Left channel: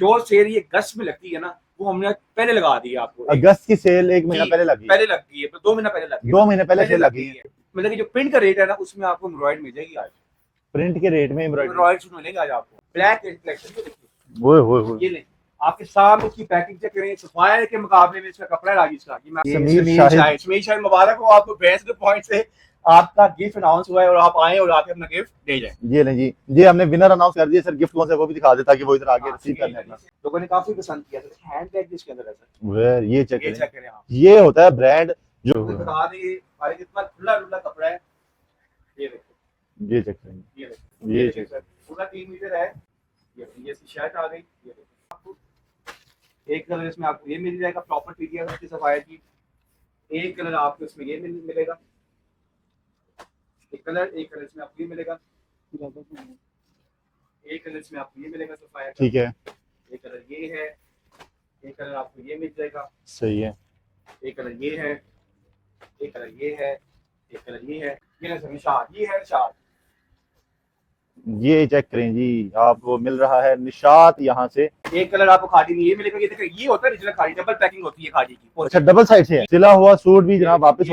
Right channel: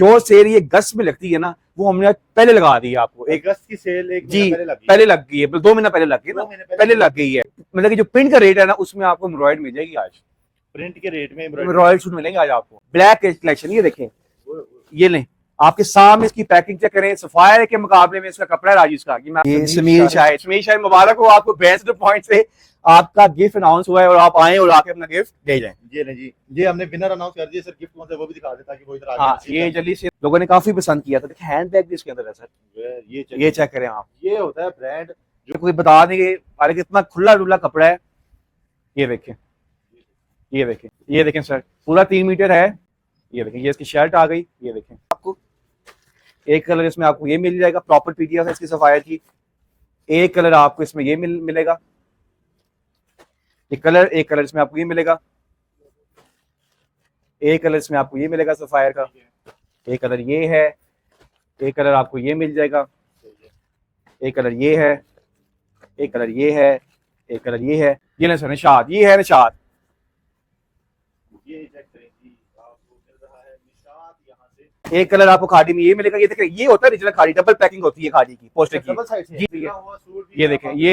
जो सेल ये अगस्त में लगती है ना, वो हमने पहले लगा दी है आपको। अगस्त की सेल 1 महीना पहले लगी, पहले लग गई है, 2 महीना पहले लग गई, 2 महीने पहले लग गई है। मतलब कि जो प्रिंट का रेट है ना, उसमें आपको एम्ब्रॉयड मिल जाएगी आज, प्रिंट के रेट में रॉयल सूट मिलेंगे आज आपको। ब्लैक कलेक्शन ये देखें, वो ये लें आपके सामने, इसकी पैकिंग चेक करें, सफायर के मुकाबले में इसका कपड़ा राजीव का। समीर शाहिद मुबारक हो आपको, बेस्ट पॉइंट से आपका गिफ्ट अनाउंस हुआ है और आप आए और आके अपना गिफ्ट दे जाएं। ये लें जी, ये हमने विनर अनाउंस कर दिया। सर गिफ्ट कौन सा वो भी दिखा देता कि वो इधर आके ये जल्दी से लोगों ने काफी पसंद किया था। हैंड बैग भी इसके अंदर है सर, ये चेक करें आप। ये होता है ब्रांड जो कोई बता देंगे अरे कितना खुला डुला कपड़ा है। ये देखें, ये चेक करें, ये देखें सर, पूरा 3 मीटर है। ये देखें, ये इसकी शर्ट आ गई। ये देखें, आपको एक कलर इसमें आपको ये मिल जाएगा, प्रॉपर पीडीएफ है इसकी सफायर की। एक कलर आपको इसमें ये मिलेगा, एक कलर इसमें आपको ये मिलेगा, एक कलर इसमें आपको ये मिलेगा सफायर का। ठीक है, एक कलर ये है, एक कलर आपको ये मिल जाएगा। सही है, एक कलर ये है, एक कलर ये है, एक कलर ये है। ये ना सर निशाद, ये है निशाद। ये चेक करें जी, आपको मिल रहा है निशात यहाँ से। एक कलर आपको खादी में ये मिलेगा। ये देखिए, ये होता है रिजनल खादी, डबल पैकिंग होती है खादी की। अच्छा, डबल साइड से सिला हुआ सूट भी। ये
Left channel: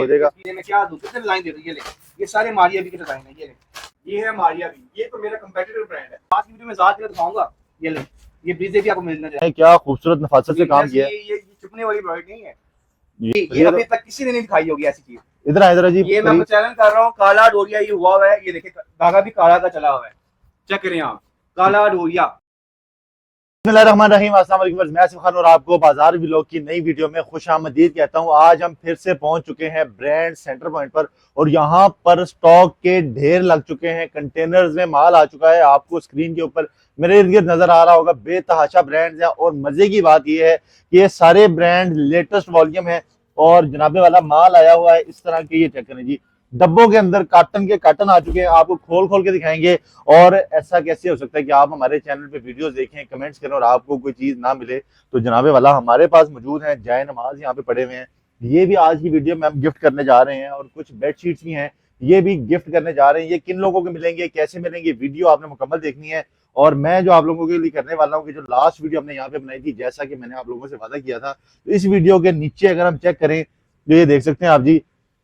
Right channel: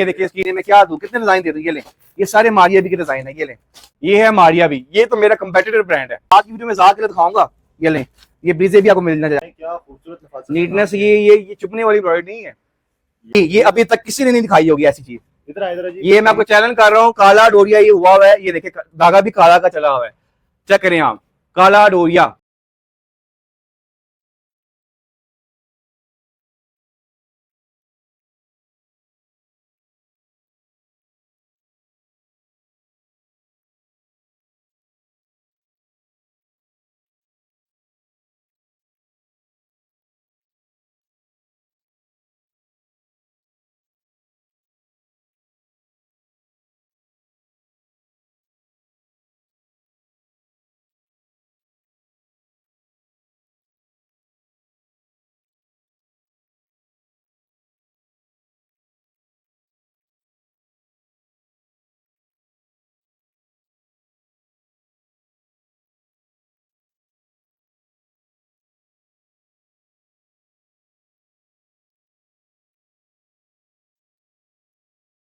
देखिए इसकी मैं क्या दूं, कितने डिजाइन दे दूं। ये ले, ये सारे मारिया भी के डिजाइन है। ये ले, ये है मारिया भी, ये तो मेरा कंपेटिटर ब्रांड है। आज की वीडियो में जाकर दिखाऊंगा। ये ले, ये ब्रीजे भी आपको मिलना चाहिए। क्या खूबसूरत नफासत से काम किया है। ये चुभने वाली एम्ब्रॉयडरी नहीं है। ये अभी तक किसी ने नहीं दिखाई होगी ऐसी चीज। इधर जी, ये मैं आपको चैलेंज कर रहा हूँ। काला डोरिया ये हुआ है, ये देखिए धागा भी काला का चला हुआ है। चेक करें आप, काला डोरिया। बिस्मिल्लाहिर्रहमानिर्रहीम, अस्सलाम वालेकुम। मैं आसिफ खान और आपको बाजार व्लॉग की नई वीडियो में खुश आमदीद कहता हूं। आज हम फिर से पहुंच चुके हैं ब्रांड सेंटर पॉइंट पर और यहां पर स्टॉक के ढेर लग चुके हैं। कंटेनर्स में माल आ चुका है। आपको स्क्रीन के ऊपर मेरे इर्द गिर्द नजर आ रहा होगा, बेतहाशा ब्रांड्स हैं। और मजे की बात यह है कि ये सारे ब्रांड लेटेस्ट वॉल्यूम है और जनाबे वाला माल आया हुआ है इस तरह के। ये चेक करें जी, डब्बों के अंदर काटन आ चुके हैं। आपको खोल खोल के दिखाएंगे। और ऐसा कैसे हो सकता है कि आप हमारे चैनल पे वीडियोस देखें, कमेंट्स करें और आपको कोई चीज ना मिले। तो जनाबे वाला हमारे पास मौजूद है, जाए नमाज यहाँ पे पड़े हुए हैं। ये भी आज की वीडियो में हम गिफ्ट करने जा रहे हैं। और कुछ बेडशीट्स भी हैं, ये भी गिफ्ट करने जा रहे हैं। ये किन लोगों को मिलेंगे, कैसे मिलेंगे, वीडियो आपने मुकम्मल देखनी है। और मैं जो आप लोगों के लिए करने वाला हूँ कि जो लास्ट वीडियो हमने यहाँ पे बनाई थी, जैसा कि मैंने आप लोगों से वादा किया था, तो इस वीडियो के नीचे अगर हम चेक करें तो ये देख सकते हैं आप जी,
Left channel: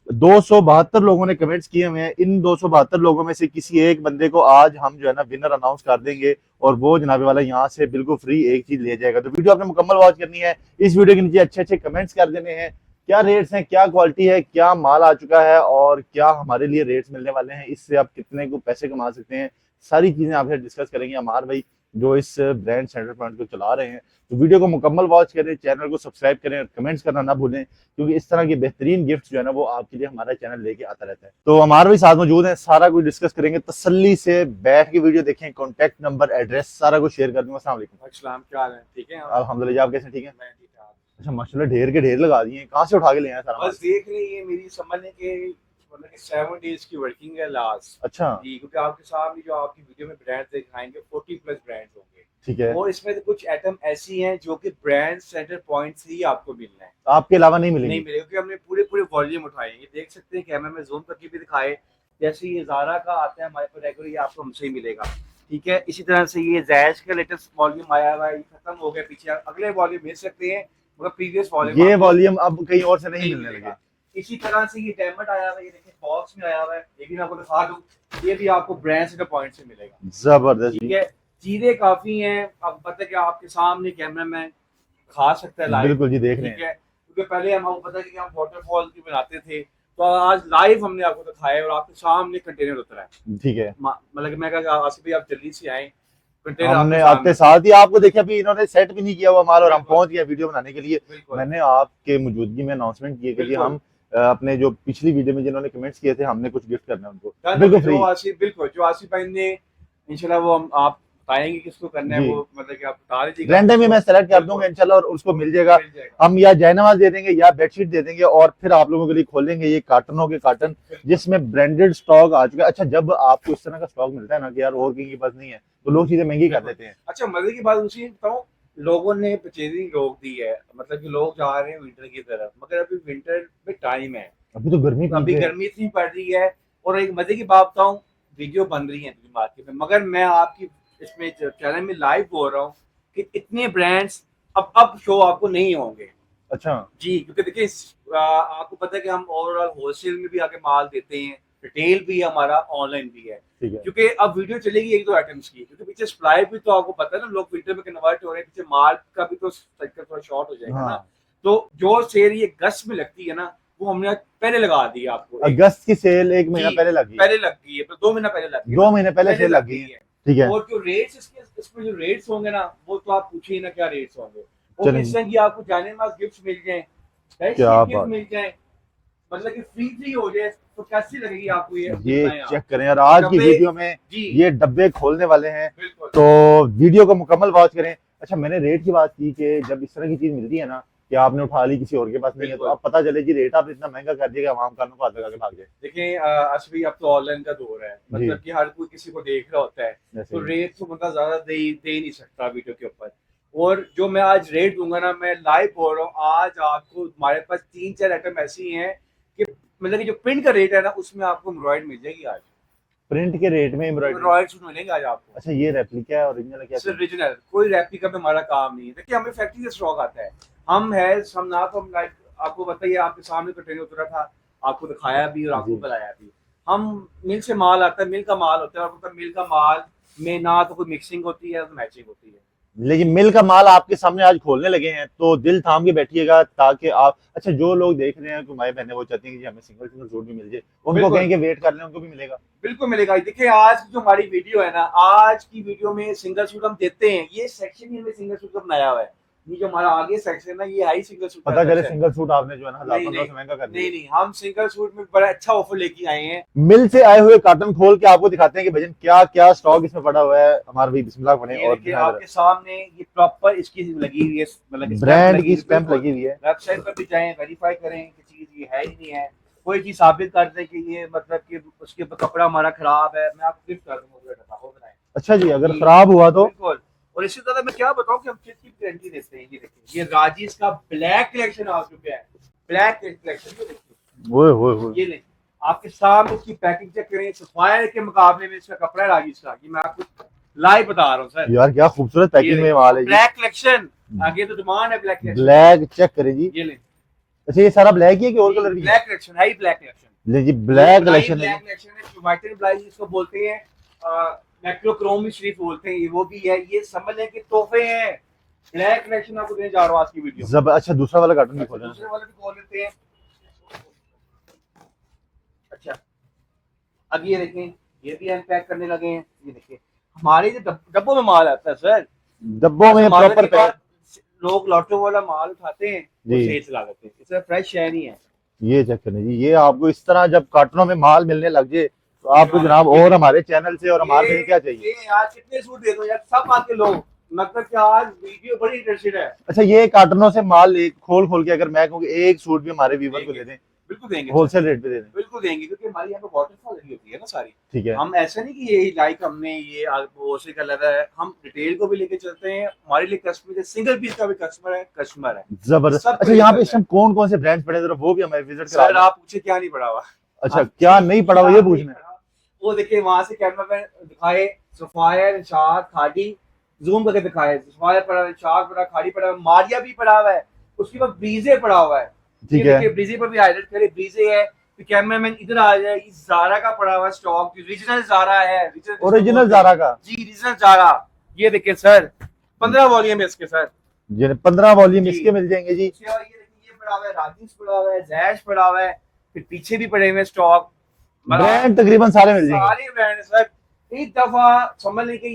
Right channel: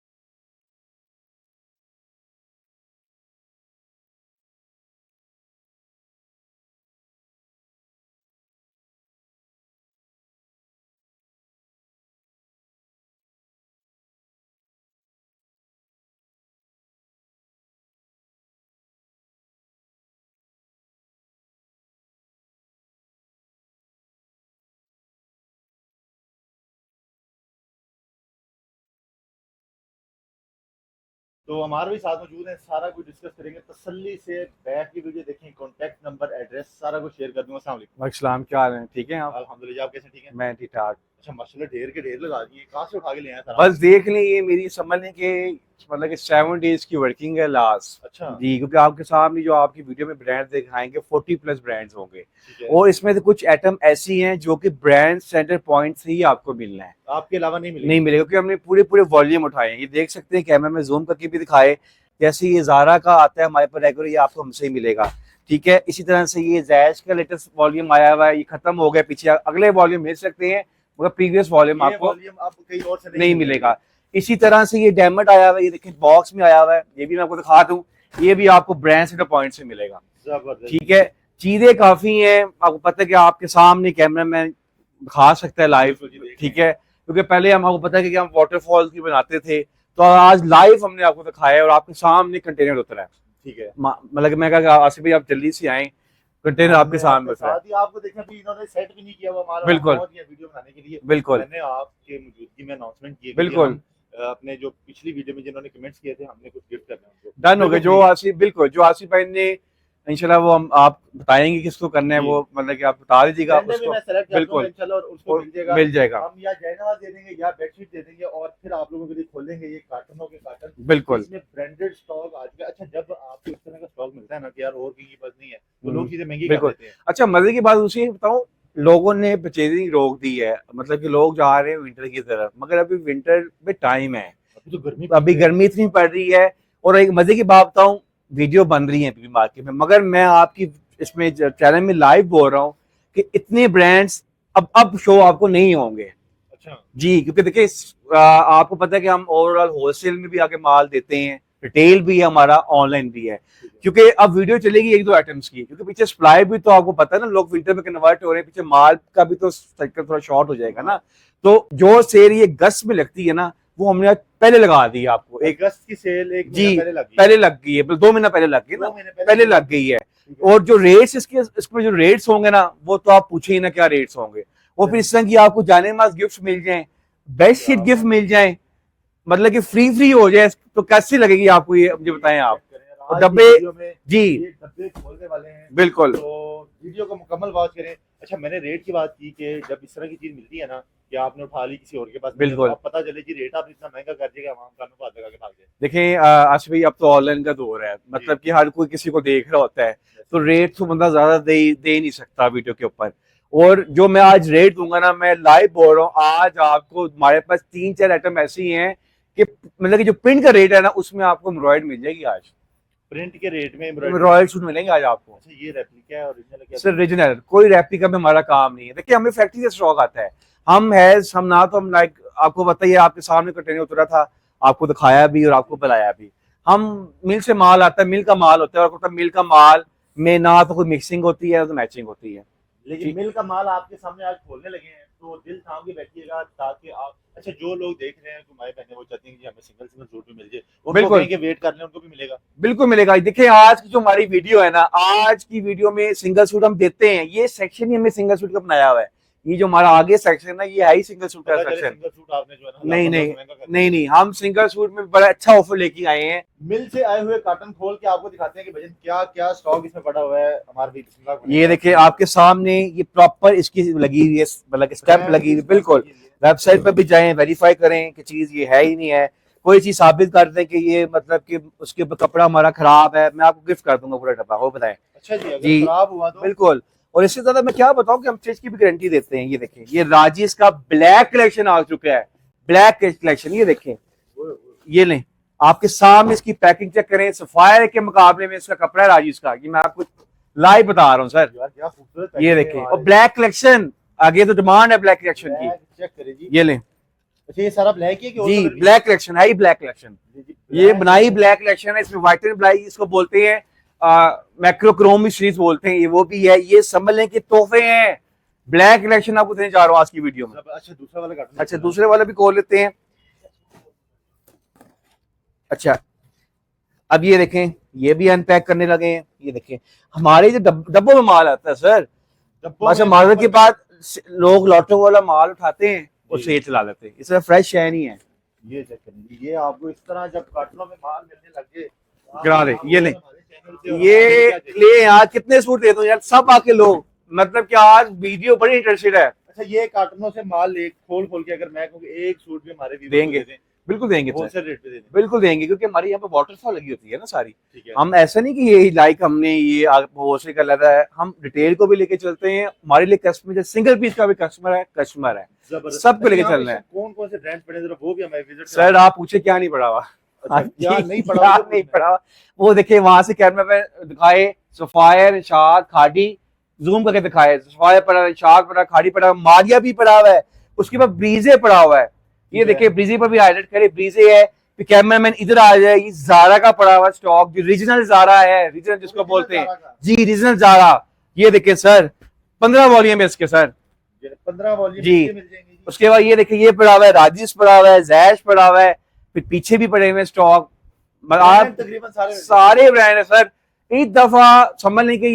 272 लोगों ने कमेंट्स किए हुए हैं। इन 272 लोगों में से किसी एक बंदे को आज हम जो है ना विनर अनाउंस कर देंगे और वो जनाबे वाला यहाँ से बिल्कुल फ्री एक चीज ले जाएगा। तो वीडियो आपने मुकम्मल वॉच करनी है। इस वीडियो के नीचे अच्छे अच्छे कमेंट्स कर देने हैं, क्या रेट्स हैं, क्या क्वालिटी है, क्या माल आ चुका है और क्या हमारे लिए रेट्स मिलने वाले हैं, इससे आप कितने को पैसे कमा सकते हैं, सारी चीजें आपसे डिस्कस करेंगे अमार भाई जो इस ब्रांड सेंटर पॉइंट को चला रहे हैं। तो वीडियो को मुकम्मल वॉच करें, चैनल को सब्सक्राइब करें और कमेंट्स करना ना भूलें, क्योंकि इस तरह के बेहतरीन गिफ्ट जो है ना वो आपके लिए हमारा चैनल लेके आता रहता है। तो हमारे भी साथ मौजूद हैं, सारा कुछ डिस्कस करेंगे। तसल्ली से बैठ के वीडियो देखें, कॉन्टैक्ट नंबर, एड्रेस सारा कुछ शेयर कर दूंगा। अस्सलाम वालेकुम। क्या हाल है? ठीक है अल्हम्दुलिल्लाह, आप कैसे? ठीक है, मैं ठीक ठाक। अच्छा माशाल्लाह, ढेर के ढेर लगा दिए, कहाँ से उठा के ले आए सारा? बस देख लें, ये मेरी समझ लें कि मतलब कि 7 डेज की वर्किंग है लास्ट। अच्छा जी, क्योंकि आपके सामने जो आपकी वीडियो में ब्रांड दिखाएंगे 40 प्लस ब्रांड्स होंगे। ठीक है, और इसमें से कुछ आइटम ऐसी हैं जो कि ब्रांड सेंटर पॉइंट से ही आपको मिलना है, आपके अलावा नहीं नहीं मिलेगा, क्योंकि हमने पूरे वॉल्यूम उठाए हैं। ये देख सकते हैं, कैमरा में जूम करके भी दिखाए। जैसे ये ज़ारा का आता है हमारे पास रेगुलर, ये आपको हमसे ही मिलेगा। ठीक है, इसी तरह से ये जैश का लेटेस्ट वॉल्यूम आया हुआ है, ये खत्म हो गया, पीछे अगले वॉल्यूम मिल सकते हैं मगर प्रीवियस वॉल्यूम ये वॉल्यूम अब कहीं और से नहीं मिलेगा। इसी तरह से ये डायमंड आया हुआ है, ये देखिए बॉक्स में आया हुआ है, ये भी मैं आपको दिखा दूं, ये भी आपको ब्रांड सेंटर पॉइंट से मिलेगा। जबरदस्त, ठीक है, चीजें काफी हैं, आपको पता है कि आपके सामने कैमरा मैन दिखा सकता है लाइव। ठीक है, क्योंकि पहले हम आपको पता है कि हम वाटरफॉल की बनाते थे, तो आज लाइव हमने आपको दिखाया और आपके सामने कंटेनर उतरा है। ठीक है, मतलब मैं कहा आसिफ भाई आप जल्दी से आए, कंटेनर आपके साथ ही आपको देखिए, अभी इन्होंने सेट भी नहीं किया हुआ माल और हम पहुंच गया वीडियो बनाने के लिए। बिल्कुल, मैंने आपके मौजूदगी में अनाउंसमेंट की कि हम अपने जो पिछली वीडियो में जिन्होंने कमेंट्स किए थे, हमने कुछ गिफ्ट करना है उनको। डन हो गया। जो आसिफ भाई ने इंशाल्लाह वो हम आप बताएंगे किसको करना है, वो मतलब कि आप बता दीजिएगा, रैंडम में मैं सेलेक्ट कर दूंगा इंशाल्लाह और उसको मिल जाएगा। हम या जयनवाज दे देंगे या बेडशीट दे देंगे और फिर आप लोगों के लिए खोलेंगे ये कार्टनों के कार्टन, जिसमें ब्रांडेड स्टॉक आ चुका है। अच्छा, जब आपको इस तरह का स्टॉक मिलता है ना कि यार और कहीं के पास नहीं है, तो लोग चीजें महंगी कर देते हैं। अच्छा, मजे की बात दूसरी बताऊं, लोगों ने परचेजिंग रोक दी है, मतलब कि लोग जा रहे हैं विंटर की तरफ, मगर अभी विंटर में टाइम है, अभी तो गर्मी इतनी पड़ रही है। और एक मजे की बात बताऊं, वीडियो बन रही है अभी मार्केट में, मगर मैं आपकी इसमें चैनल में लाइव बोल रहा हूँ कि इतने ब्रांड्स अब शो आपको नहीं होंगे अच्छा जी, क्योंकि देखिए आपको पता है कि हम ओवरऑल होलसेल में भी आके माल देते हैं, रिटेल भी है हमारा, ऑनलाइन भी है। ठीक है। क्योंकि अब वीडियो चलेगी एक दो आइटम्स की, क्योंकि पीछे सप्लाई भी तो आपको पता है ना, लोग फिल्टर में कन्वर्ट हो रहे हैं, पीछे माल का भी तो साइकिल थोड़ा शॉर्ट हो जाएगा हाँ। ना। तो जो सेल ये अगस्त में लगती है ना, वो हमने आज पहले लगा दी है आपको। अगस्त की सेल एक महीना जी, पहले लगी, पहले लग गई है, 2 महीना पहले लग गई, 2 महीने पहले पहले सेल लग गई है। ठीक है। और जो रेट्स इसमें जो रेट्स होंगे ना, वो तो आप पूछिए ना क्या रेट्स होंगे। वो फिर चलिए। इस तरह की आपको जाने मास गिफ्ट मिल जाए, बेस्ट क्या शीट गिफ्ट बात मिल जाए, मतलब कि फ्री हो जाए, तो कैसी लगेगी आपको ये ये बताएं आप। चेक करें। और आज की डब्बे वीडियो में जी ये डब्बे खोलने वाले हैं, बिल्कुल तो वीडियो को मुकम्मल वॉच करें। अच्छा, मैंने रेट की बात की कि जब इस तरह की चीज मिलती है ना, कि आपने उठा ली किसी और के पास नहीं है, तो बिल्कुल। अब पता चले कि रेट आपने इतना महंगा कर दिया कि आवाम कानों को हाथ लगा के भाग जाए। देखिए आशीष भाई, अब तो ऑनलाइन का दौर है, मतलब कि हर कोई किसी को देख रहा होता है, तो जैसे रेट तो बंदा ज्यादा दे नहीं सकता वीडियो के ऊपर। और जो मैं आज रेट दूंगा ना, मैं लाइव बोल रहा हूँ, आज आपको हमारे पास 3-4 आइटम ऐसी हैं कि मतलब कि जो प्रिंट का रेट है ना, उसमें आपको एम्ब्रॉयड मिल जाएगी आज, प्रिंट के रेट में एम्ब्रॉयडरी। रॉयल सूट मिलेंगे आज आपको। अच्छा, ये रेप्लिका है, ओरिजिनल है क्या? सर ओरिजिनल, कोई रेप्लिका में हमारा काम नहीं है। देखिए हमें फैक्ट्री से स्टॉक आता है, हम ना तो हम लाइक आपको बताइए, आपके सामने कंटेनर उतरा था, आपको दिखाया भी और आपको जी। बताया भी। हम मिल से माल आता है, मिल का माल होता है, और मिल का माल में ना तो कोई मिक्सिंग होती है ना तो मैचिंग होती है। लेकिन मिल का माल आपके सामने आज खोलने लगे हैं, तो दिल थाम के बैठिएगा, ताकि आप, अच्छा जो लोग देख रहे हैं, माई बहनें वो चाहती हैं कि हमें सिंगल सिंगल सूट भी मिल जाए, उनको बिल्कुल कहेंगे वेट कर लें, उनको भी मिलेगा। बिल्कुल मिलेगा। देखिए आज की जो हमारी वीडियो है ना, आज की वीडियो में सिंगल सूट हम देते हैं, ये सेक्शन ही हमने सिंगल सूट का बनाया हुआ है। ये जो हमारा आगे सेक्शन है, ये है ही सिंगल सूट का पता चले सेक्शन। सिंगल सूट आपने जो है ना नहीं 1000-1500 नहीं महंगा कर दिया। नहीं नहीं, हम सिंगल सूट में बड़ा अच्छा ऑफर लेके आए हैं। मिल से आए हुए कार्टन खोल के आपको दिखाते हैं कि भजन क्या क्या स्टॉक इसमें पड़ा हुआ है। हमारा भी बिस्मिल्लाह बने। ये देखिए आपके सामने ये प्रॉपर इसकी लगी हुई है, मतलब स्टैम्प लगी हुई है, बिल्कुल। है। वेबसाइट पर भी जाएं, वेरीफाई करें कि चीज ये है ही नहीं है, कोई चीज साबित कर दें कि ये मतलब कि उसके ऊपर कपड़ा हमारा खराब है, मैं आपको गिफ्ट कर दूंगा पूरा डब्बा, वो बताएं। अच्छा जी, अगर जी खराब हुआ तो? बिल्कुल। और इससे ज्यादा मैं क्या बताऊं कि हम चीज की भी गारंटी देते हैं। ये देखें, ये राजीज का ब्लैक कलेक्शन आ चुका है, ब्लैक कलेक्शन, ये देखें, वो ये लें, आपके सामने इसकी पैकिंग चेक करें, सफायर के मुकाबले में इसका कपड़ा है राजीज का, ये मैं आपको लाइव बता रहा हूँ सर। यार क्या खूबसूरत ये पैकिंग में माल है। ब्लैक कलेक्शन, आगे तो डिमांड है ब्लैक कलेक्शन। ब्लैक चेक करें जी। ये लें अच्छा, ये सारा ब्लैक ही है कि और जी, कलर भी? ब्लैक कलेक्शन है ही, ब्लैक कलेक्शन, जी ये ब्लैक बनाई ब्लैक कलेक्शन है। इसमें व्हाइट एंड ब्लैक इसको बोलते हैं, मैक्रोक्रोम सीरीज बोलते हैं, ये वो भी है। ये समझ लें कि तोहफे हैं, ब्लैक कलेक्शन आपको देने जा रहा हूँ आज की वीडियो में। अच्छा, दूसरा वाला कार्टन। अच्छा, दूसरे वाला भी खोल लेते हैं। अच्छा, अब ये देखें, ये भी अनपैक करने लगे हैं। ये देखें, हमारे जो डब्बों में माल आता है सर, डब्बों में माल के proper बाद लोग लॉटो वाला माल उठाते हैं और जी। सेल चला लेते हैं, इसमें फ्रेश है नहीं है। ये चेक करें जी, ये आपको इस तरह जब कार्टनों में माल मिलने लग जाए, तो आपको क्या जनाब ये और नहीं। हमारे चैनल से और हमारे लिए ये क्या चाहिए? ले यार, कितने सूट दे दूं यार, सब आके लोग, मतलब कि आज वीडियो बड़ी इंटरेस्टेड है। अच्छा, ये कार्टनों से माल एक खोल खोल के अगर मैं कहूँ कि एक सूट भी हमारे व्यूअर को देंगे, दे दें, बिल्कुल देंगे सर, होलसेल रेट पे दे दें, बिल्कुल देंगे, क्योंकि हमारी यहाँ पे वाटरफॉल लगी होती है ना सारी। ठीक है? हम ऐसा नहीं कि ये लाइक हमने ये होलसेल कर लेता है, हम रिटेल को भी लेके चलते हैं। हमारे लिए कस्टमर, सिंगल पीस का भी कस्टमर है, जबरदस्त। सब अच्छा, यहाँ पे इस टाइम कौन कौन से ब्रांड्स पड़े हैं, जरा वो भी हमें विजिट करा सर। दें। आप पूछे क्या नहीं पड़ा हुआ? अच्छा, क्या नहीं पड़ा हुआ ये क्या नहीं पूछना है। पड़ा हुआ? वो देखिए वहां से कैमरा में दिखाए, सफायर, निशाद, खाड़ी, जूम करके दिखाए, सफायर पड़ा, निशाद पड़ा, खाड़ी पड़ा, मारिया भी पड़ा हुआ है, उसके बाद ब्रीजे पड़ा हुआ है। ये ठीक है। देखिए ब्रीजे पर भी हाईलाइट करे, ब्रीजे है। फिर कैमरामैन इधर आ जाए, ये जारा का पड़ा हुआ स्टॉक, जो रीजनल जारा है, ओरिजिनल जारा का जी, रीजनल जारा। ये देखिए सर, 15 वॉल्यूम है इसके सर, 15 वॉल्यूम जी। इसके मिल जाएंगे जी। उसके बाद ये देखिए, ये पड़ा हुआ है, राजिस पड़ा हुआ है, जैश पड़ा हुआ है, फिर पीछे भी पड़े हुए स्टॉक, ब्रांड तकरीबन सारे मिल जाएंगे। सारे ब्रांड है सर। एक दफा समझ लें कि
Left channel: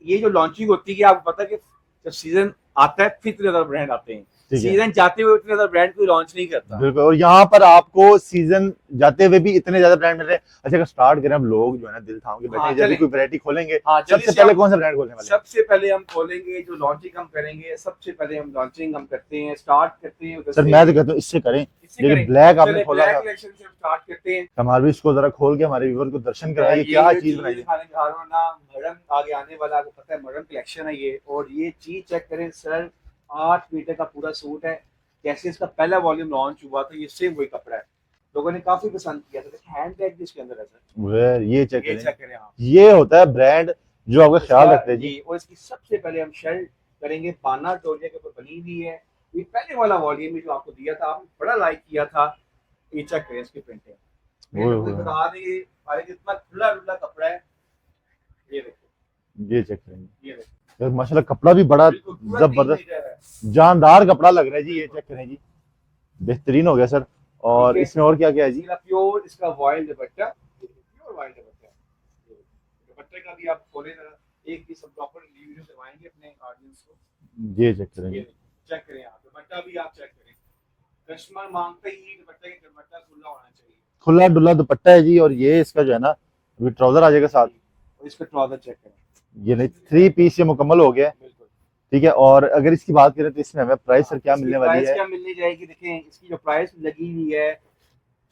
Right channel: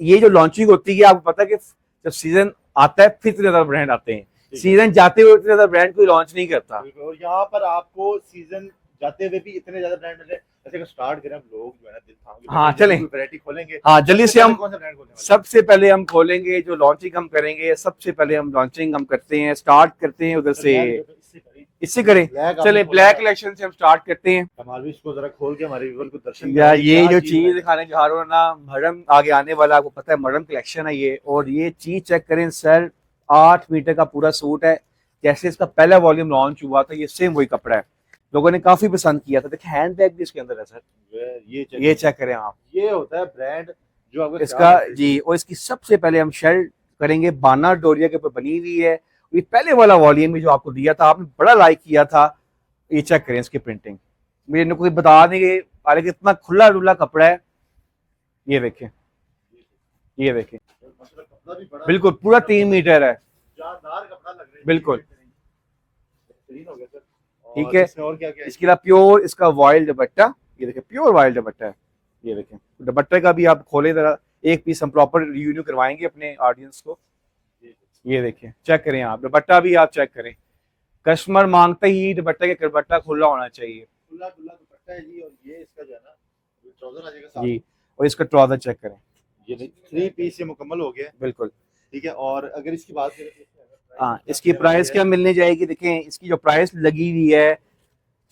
ये जो लॉन्चिंग होती है, आपको पता है कि जब सीजन आता है फिर इतने ज्यादा ब्रांड आते हैं, ठीक है। सीजन जाते हुए इतने ज्यादा ब्रांड कोई लॉन्च नहीं करता। बिल्कुल, और यहाँ पर आपको सीजन जाते हुए भी इतने ज्यादा ब्रांड मिल रहे हैं। अच्छा, अगर स्टार्ट करें हम लोग जो है ना दिल थाम के हाँ, बैठे, जल्दी चलें। कोई वैरायटी खोलेंगे, हाँ जल्दी सबसे से पहले हम कौन सा ब्रांड खोलने वाले हैं? सबसे पहले हम खोलेंगे, जो लॉन्चिंग हम करेंगे, सबसे पहले हम लॉन्चिंग हम करते हैं, स्टार्ट करते हैं उधर सर से। मैं तो कहता हूँ इससे करें, इससे ये करें, ब्लैक आपने चले खोला ब्लैक ना, कलेक्शन से हम स्टार्ट करते हैं। हमारे भी इसको जरा खोल के हमारे व्यूअर को दर्शन या कराएं, ये क्या जो चीज चीज बनाई है। दिखाने जा रहा हूँ ना, मरम आगे आने वाला, आपको पता है मरम कलेक्शन है ये। और ये चीज चेक करें सर, 8 मीटर का पूरा सूट है, जैसे इसका पहला वॉल्यूम लॉन्च हुआ था, ये सेम वही कपड़ा है, लोगों ने काफी पसंद किया था। देखिए हैंड बैग भी इसके अंदर है सर, ये ये चेक करें आप, ये होता है ब्रांड जो आपका ख्याल इसका रखते हैं। जी। और इसकी सबसे पहले हम शर्ट करेंगे। बाना डोरिया के ऊपर बनी हुई है। ये पहले वाला वॉल्यूम भी जो आपको दिया था, आपने बड़ा लाइक किया था। ये चेक करें इसकी प्रिंटिंग, मुझे कोई बता देंगे हालांकि इतना खुला डुला कपड़ा है। ये देखें, ये चेक करेंगे, ये देखें, यार माशाल्लाह कपड़ा भी बड़ा बिल्कुल पूरा 3 जबरदस्त मीटर है, जानदार कपड़ा लग रहा है जी। बिल्कुल। ये चेक करें जी, बेहतरीन हो गया सर। ठीक और है, इसमें और क्या क्या है जी? इसके अलावा प्योर इसका वॉइल दुपट्टा, ये देखें प्योर वॉइल दुपट्टा है। ये देखें दुपट्टे का भी आप खोले जरा, एक पीस हम प्रॉपर रिव्यू करवाएंगे अपने ऑडियंस को। ये चेक करें, ये देखिए, चेक करें आप दुपट्टा भी, आप चेक करें। कस्टमर मांगते ही दुपट्टे के दुपट्टा खुला होना चाहिए, खुला डुला दुपट्टा है जी। और ये इसका जो है ना, अभी ट्राउजर आ जाएगा साथ। जी, और इसका ट्राउजर चेक करें, ये नहीं, 3 पीस ये मुकम्मल हो गया है। बिल्कुल। ठीक है, और अगर इसकी बात करें तो इसमें हमें प्राइस हाँ, क्या इसकी मिलने वाली प्राइस है? क्या मिलने जाएगी, देखें इसकी जो प्राइस लगी हुई है,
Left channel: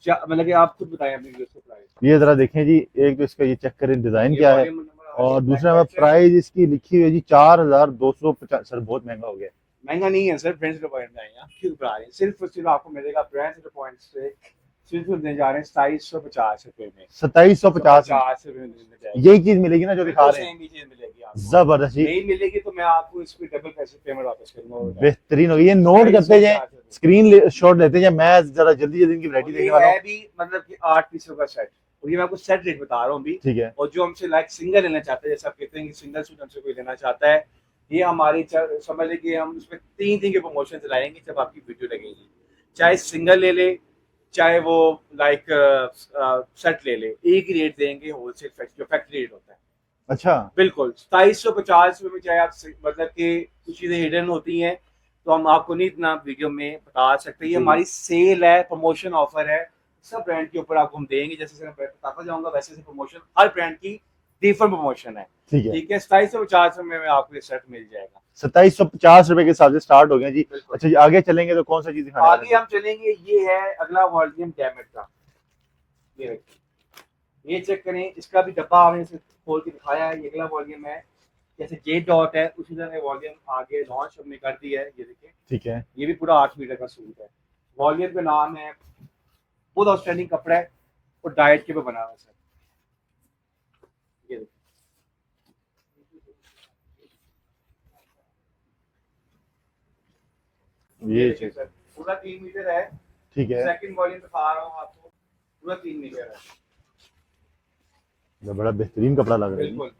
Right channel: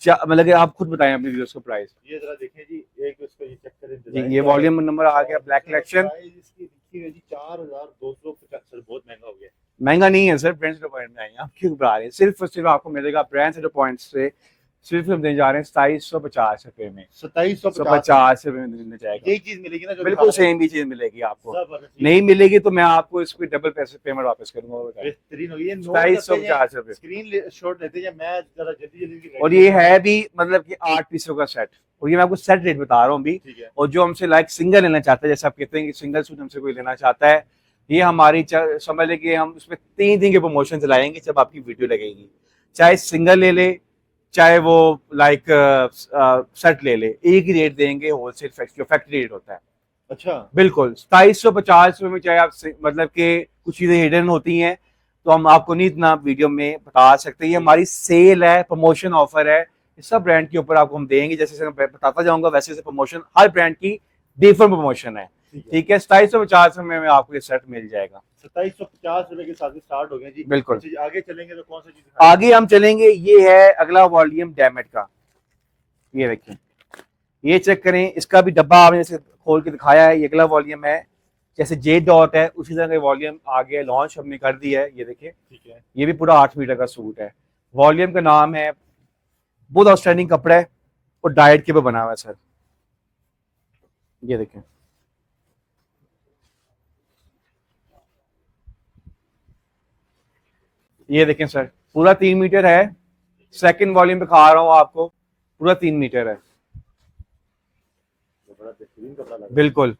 मतलब कि आप खुद बताएं अपने व्यूअर्स को प्राइस। ये जरा देखें जी, एक तो इसका ये चेक करें डिजाइन ये क्या है, वॉल्यूम नंबर आ गया, और ब्लैक दूसरा कलेक्शन। प्राइस इसकी लिखी हुई है जी 4250। सर बहुत महंगा हो गया। महंगा नहीं है सर, ब्रांड से पॉइंट में आएंगे, आप क्यों घबरा रहे हैं? सिर्फ और सिर्फ आपको मिलेगा ब्रांड से पॉइंट से सिर्फ हम देने जा रहे हैं 2750 रुपए में, 2750 रुपए में देने जाएगी। यही चीज मिलेगी ना जो बिल्कुल दिखा रहे हैं? सेम ही चीज मिलेगी आपको। जबरदस्त जी, नहीं मिलेगी तो मैं आपको इसकी डबल पैसे पेमेंट वापस करूंगा। बेहतरीन हो गई। ये नोट करते जाए, 2750 रुपए। स्क्रीन शॉट लेते जाए, मैं जरा जल्दी जल्दी इनकी और वैरायटी ये दिखा रहा है हूं। भी मतलब कि 8 पीसों का सेट, और ये मैं आपको सेट रेट बता रहा हूँ भी। ठीक है, और जो हमसे लाइक सिंगल लेना चाहता है, जैसे आप कहते हैं कि सिंगल सूट हमसे कोई लेना चाहता है, ये हमारी समझ लें कि हम उसमें 3 दिन के प्रमोशन चलाएंगे जब आपकी वीडियो लगेगी। चाहे सिंगल ले ले, चाहे वो लाइक सेट ले ले, एक ही रेट देंगे, होलसेल जो फैक्ट्री रेट होता है। अच्छा बिल्कुल 2750 रुपए में, चाहे आप मतलब के कुछ चीजें हिडन होती हैं तो हम आपको नहीं इतना वीडियो में बता सकते। ये हमारी सेल है, प्रमोशन ऑफर है, सब ब्रांड के ऊपर आपको हम देंगे। जैसे मैं बताता जाऊंगा वैसे वैसे प्रमोशन, हर ब्रांड की डिफरेंट प्रमोशन है। ठीक है, ठीक है, 2750 में आपको ये सेट मिल जाएगा। 2750 रुपए के हिसाब से स्टार्ट हो गया जी। बिल्कुल। अच्छा जी, आगे चलेंगे तो कौन सा चीज दिखाएंगे? आगे हम चलेंगे, ये है अगला वॉल्यूम डैमेट का। ये देखिए, ये चेक करें, इसका भी डब्बा आपने जैसे खोल के दिखाया है। ये अगला वॉल्यूम है, जैसे जे डॉट है उसी तरह का वॉल्यूम आगे लॉन्च हमने कर दिया है। ये देखिए, ठीक है, ये भी पूरा 8 मीटर का सूट है। वॉल्यूम का नाम है, बहुत आउटस्टैंडिंग कपड़ा है और डाइट के ऊपर बना हुआ है सर। ये देखें, ये देखें सर, पूरा 3 मीटर है। ठीक है, सेकंड वॉल्यूम पे खा रहा हूँ आपको, पूरा 3 मीटर है, बड़ा बेहतरीन कपड़ा लग रहा है। बिल्कुल।